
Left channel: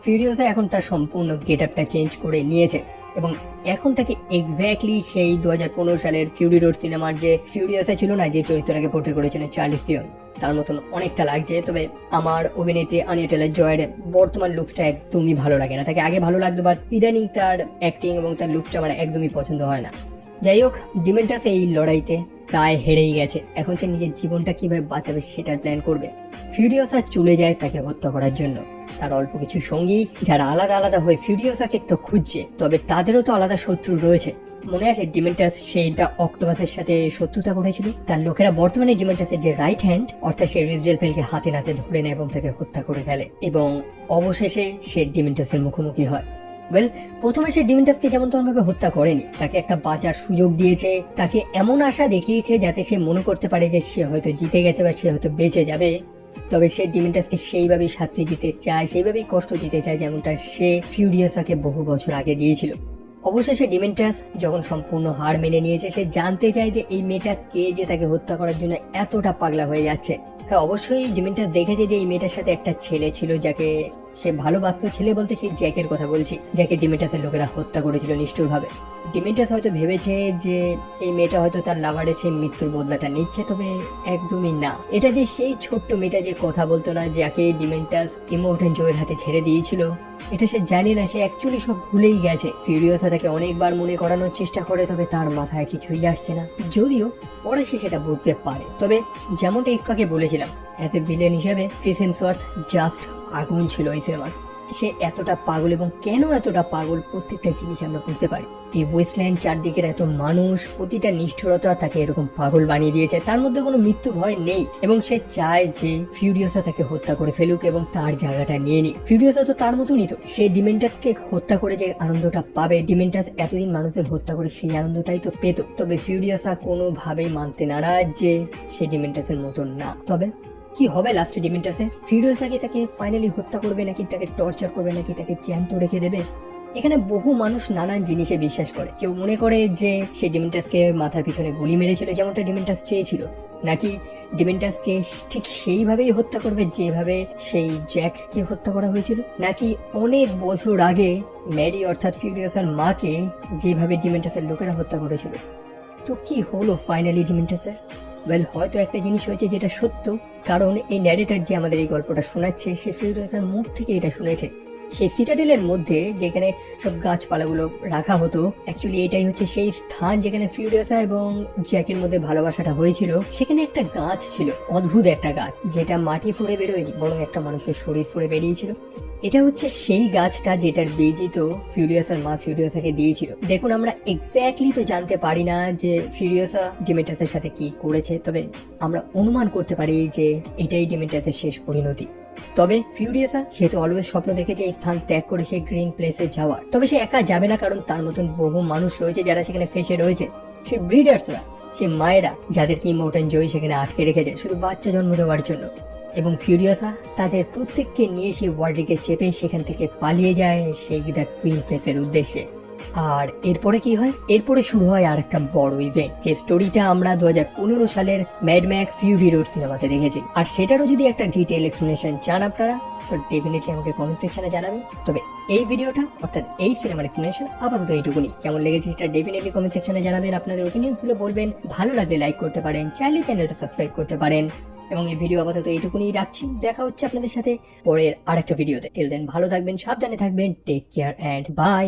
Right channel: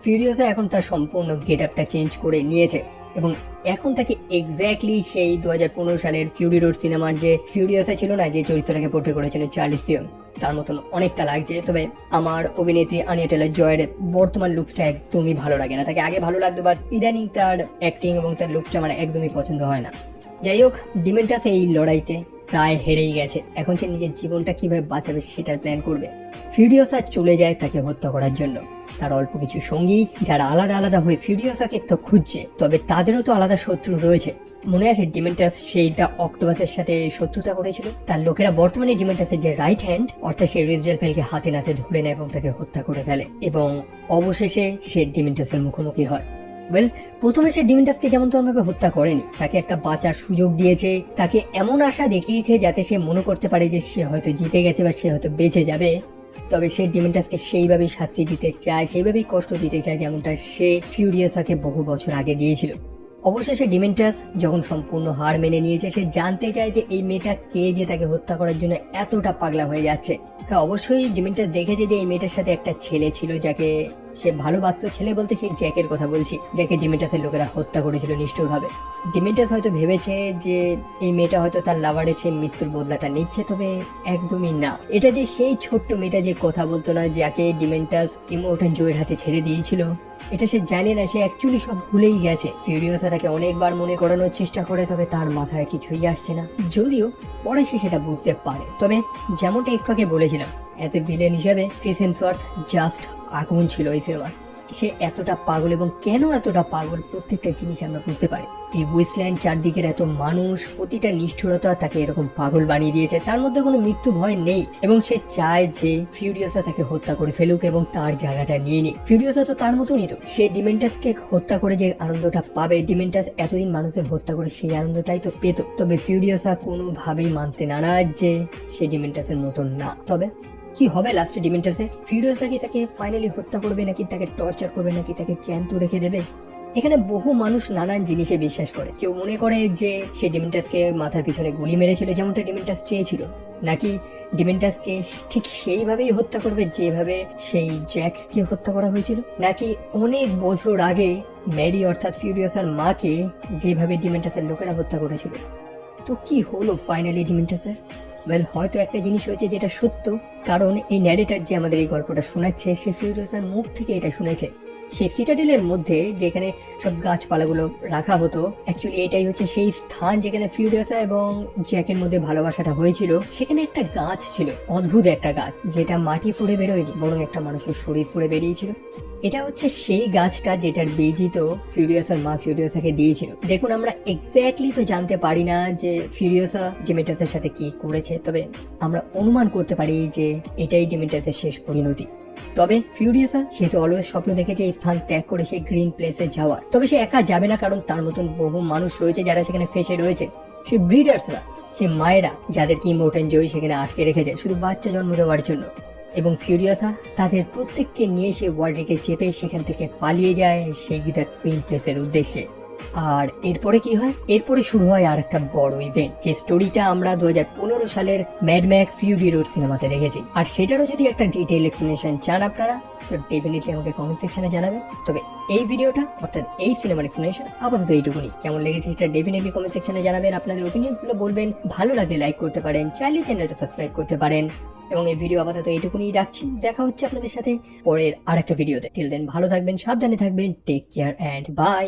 ফিউরিয়াসা এখন তার সম্পূর্ণ গেট আপটা চেঞ্জ করে নিয়েছে এবং এখন তাকে এক্স্যাক্টলি সেই 2015 সালের ফিউরি রোড সিনেমার যে ফিউরিয়াসা ছিল না, যে চরিত্রটাকে পোর্ট্রে করেছিল চার্লিস থিরন, তার মতন অনেকটা লাগছে। তবে আমার অভিনেত্রী আনিয়া টেলর জয়ের বর্তমান লুকসটা একদমই ভালো লাগে না। তাকে আগে ভালো লাগতো, বাট ইদানিং তার অ্যাক্টিং এবং তার লুকসটা আমার একদমই পছন্দ হয় না। যাই হোক, ডিমেন্টাস এই লড়াইতে প্রায় হেরেই গেছে। এখন সে নিজের জীবনটা কিভাবে বাঁচাবে সেটার প্ল্যান করবে। ফিউরিয়াসা চলে যায় তাকে হত্যা করার জন্য। তার অল্প কিছু সঙ্গী যারা আলাদা আলাদা হয়ে ফিউরিয়াসাকে তো খুঁজছে, তবে তাদেরও তো আলাদা শত্রু রয়েছে। মনে আছে ডিমেন্টাস সেই দ্য অক্টোপাসের সাথে শত্রুতা করেছিল? তার লোকেরা বর্তমানে ডিমেন্টাসের যে রাইট হ্যান্ড, অর্থাৎ সেই রিজডেলপেলকে হাতে নাতে ধরে নেয় এবং তাকে হত্যা করে ফেলে এবং অবশেষে সে ডিমেন্টাসের মুখোমুখি হয়। প্রথমে সে ডিমেন্টাসকে যেমন তেমন ভাবে হত্যা করেনি, তাকে একটা বাঁচার সুযোগ দিয়েছে, তাকে এমন আশা দেখিয়েছে যাতে সে মনে করতে পারে যে সে হয়তো জিতে গেছে বা সে হয়তো বেঁচে যাবে। তবে সে ডিমেন্টাসকে সেইভাবেই শাস্তি দিতে চায়, সেইভাবেই কষ্ট দিতে চায় যেমনটা সে ফিউরিয়াসাকে বহু বছর আগে দিয়েছিল। অবশেষে ডিমেন্টাস যখন সম্পূর্ণ হার মেনে নিয়েছে, সে জানতে চায় যে এই মেয়েটা কে যে তাকে হত্যা করার জন্য এতটা পাগলা হয়ে যাচ্ছে। হ্যাঁ, অবশ্যই ডিমেন্টাস দেখেছে যে এই মেয়েটার সাথে একটা ছেলে ছিল যাকে সে ভালোবাসত। ছেলে বলতে সেই জ্যাকের কথা বলছি, যাকে ডিমেন্টাসের লোকেরা হত্যা করেছিল নিষ্ঠুরভাবে। ডিমেন্টাস হয়তো ভেবেছে যে এই মেয়েটা হয়তো তার লাভারের সেই মৃত্যুর বদলাটা নিচ্ছে, তবে একদমই না। এটা যে সেই ছোট্ট মেয়েটা যে কথা বলতো না, যাকে ডিমেন্টাস ইমোর্টাল জয়ের হাতে ছেড়ে দিয়েছিল, এটা সে জানে না, সে অ্যাকচুয়ালি সব ভুলেই গেছে। ফিউরিয়াসা তাকে অনেকবার মনে করানোর চেষ্টা করে, তবে তার মাথায় কিছুই আসছে না, যদিও পরে সে সেটা বুঝতে পারে। তবে যেমনটা একটু আগে বলেছিলাম, অ্যাজ এ ভিলেন হিসেবে ক্রিস হেমসওয়ার্থ জাস্ট আগুন ছিল এই সিনেমার। সে এতটা পাগল, এবং কেন এতটা পাগল প্রত্যেকটা জিনিস আমরা বুঝতে পারি। এই ওয়েস্টল্যান্ড, চারদিকের এত মানুষ, প্রতিটা নিষ্ঠুরতা তাকে এরকম পাগল বানিয়ে দিয়েছে। তার মধ্যে কোনো মৃত্যু ভয় নেই, এবং সে চায় যে ফিউরিয়াসা তাকে হত্যা করে ফেলুক এবং তার জায়গাটা নিয়ে নিক। ফিউরিয়াসা তো তার মতনই তো, সে ডিমেন্টাসকে হত্যা করে যে আনন্দটা পাবে, ডিমেন্টাস এতদিন মানুষের হত্যা করে সেই আনন্দটাই তো পেত। তবে ফিউরিয়াসা কোনোভাবেই মানতে নারাজ যে সে ডিমেন্টাসের মতন না। তবে কি হবে লাস্টে ডিমেন্টাসের? ফিউরিয়াসা কি তাকে ফাইনালি হত্যা করবে, নাকি তাকে টর্চার করবে, নাকি তাকে জ্যান্ত রেখে দেবে? এখানে বহু মানুষ নানান জিনিসে বিশ্বাস করে। কেউ মনে করে যে সে ডিমেন্টাসকে মাথার পিছনে গুলি মেরেছিল যেমনটা ডিমেন্টাস চেয়েছিল, নাকি ডিমেন্টাসকে ঠিক সেইভাবেই হত্যা করবে যেভাবে সেই জ্যাককে হত্যা করা হয়েছিল, নাকি অনেক বছর আগে ম্যারি অর্থাৎ ফিউরিয়াসের মাকে যেভাবে ডিমেন্টাসের লোকেরা হত্যা করেছিল। তো কি হলো ফাইনালি ডিমেন্টাসের? ওয়েল, হয়তো একটা জিনিস হয়েছে যেটা সত্য, কারণ এই ন্যারেটর যে আমাদের এই গল্পটা শোনাচ্ছে সে ফিউরিয়াসের মুখ থেকে এটা শুনেছে। সে সিটাডেলের মধ্যে যেখানে সব গাছপালাগুলো রাখা হতো, অ্যাকচুয়ালি এটাই হচ্ছে সেই স্থান যেখানে ফিউরিয়াসা এবং জ্যাকের মধ্যে ভালোবাসাটা হয়েছিল। সেখানে একটা গাছ ছিল, অদ্ভুত একটা গাছ, যেটা মাটি ফুঁড়ে বেরোয়নি, বরং একটা মানুষের শরীর ফুঁড়ে বেরিয়েছিল। এটা হচ্ছে সেই গাছটা যেটার বীজই তো ফিউরিয়াসার মা ফিউরিয়াসাকে দিয়েছিল। দেখুন, আমরা এক্স্যাক্টলি তো জানতে পারি না যে ফিউরিয়াসা ডিমেটাসের সাথে কি করেছে, তবে আমরা অনুমান করতে পারি যে এটাই ডিমেটাসের শেষ পরিণতি। তবে ফিউরিয়াসা সেহেতু অলওয়েজ স্বপ্ন দেখেছে এই স্থান ত্যাগ করে সেই গ্রিন প্লেসে যাওয়ার। তবে সে একা যাবে না, কারণ তার মতন বহু মানুষ রয়েছে যারা সেখানে ফেসে রয়েছে। সে ব্রিডার্সরা, সে মায়েরা, যাদেরকে ইমোর্টাল জয়ী সেখানে আটকে রেখেছে শুধু বাচ্চা জন্ম দেওয়ার জন্য। এবং ফিউরিয়াসা তাদের প্রত্যেককে নিয়ে সেই ওয়ার্ল্ডকে চেপে সেখান থেকে পালিয়ে যায় সেই দ্য গ্রিন প্লেসের উদ্দেশ্যে। আর এরপরে কি হয়? এরপরে শুরু হয় আর একটা বড় ইভেন্ট, যে স্টোরিটা আমরা 2015 সালের ম্যাড ম্যাক্স ফিউরি রোড সিনেমাতে দেখেছি। আর সেটারও যদি একটা ডিটেইল এক্সপ্লেনেশন চান আপনারা, তো ডেফিনেটলি আমাকে কমেন্ট সেকশনে জানাবেন। তবে এই ভিডিওটা অর্থাৎ এই সিনেমার এক্সপ্লেনেশন আপাতত এইটুকুনি। কেমন লেগেছে সেটা ডেফিনেটলি কমেন্ট সেকশনে জানাবেন, আপনাদের ওপিনিয়ন্স গুলো বলবেন। ভালো লাগলে লাইক করতে পারেন, চাইলে চ্যানেলটা সাবস্ক্রাইব করতে পারেন। এবং এই ভিডিও আপাতত এইটুকুনি রাখছি। দেখা হচ্ছে আপনাদের সাথে পরের আরেকটা ভিডিওতে। টিল দেন ভালো থাকবেন, সাবধানে থাকবেন, টেক কেয়ার অ্যান্ড বাই।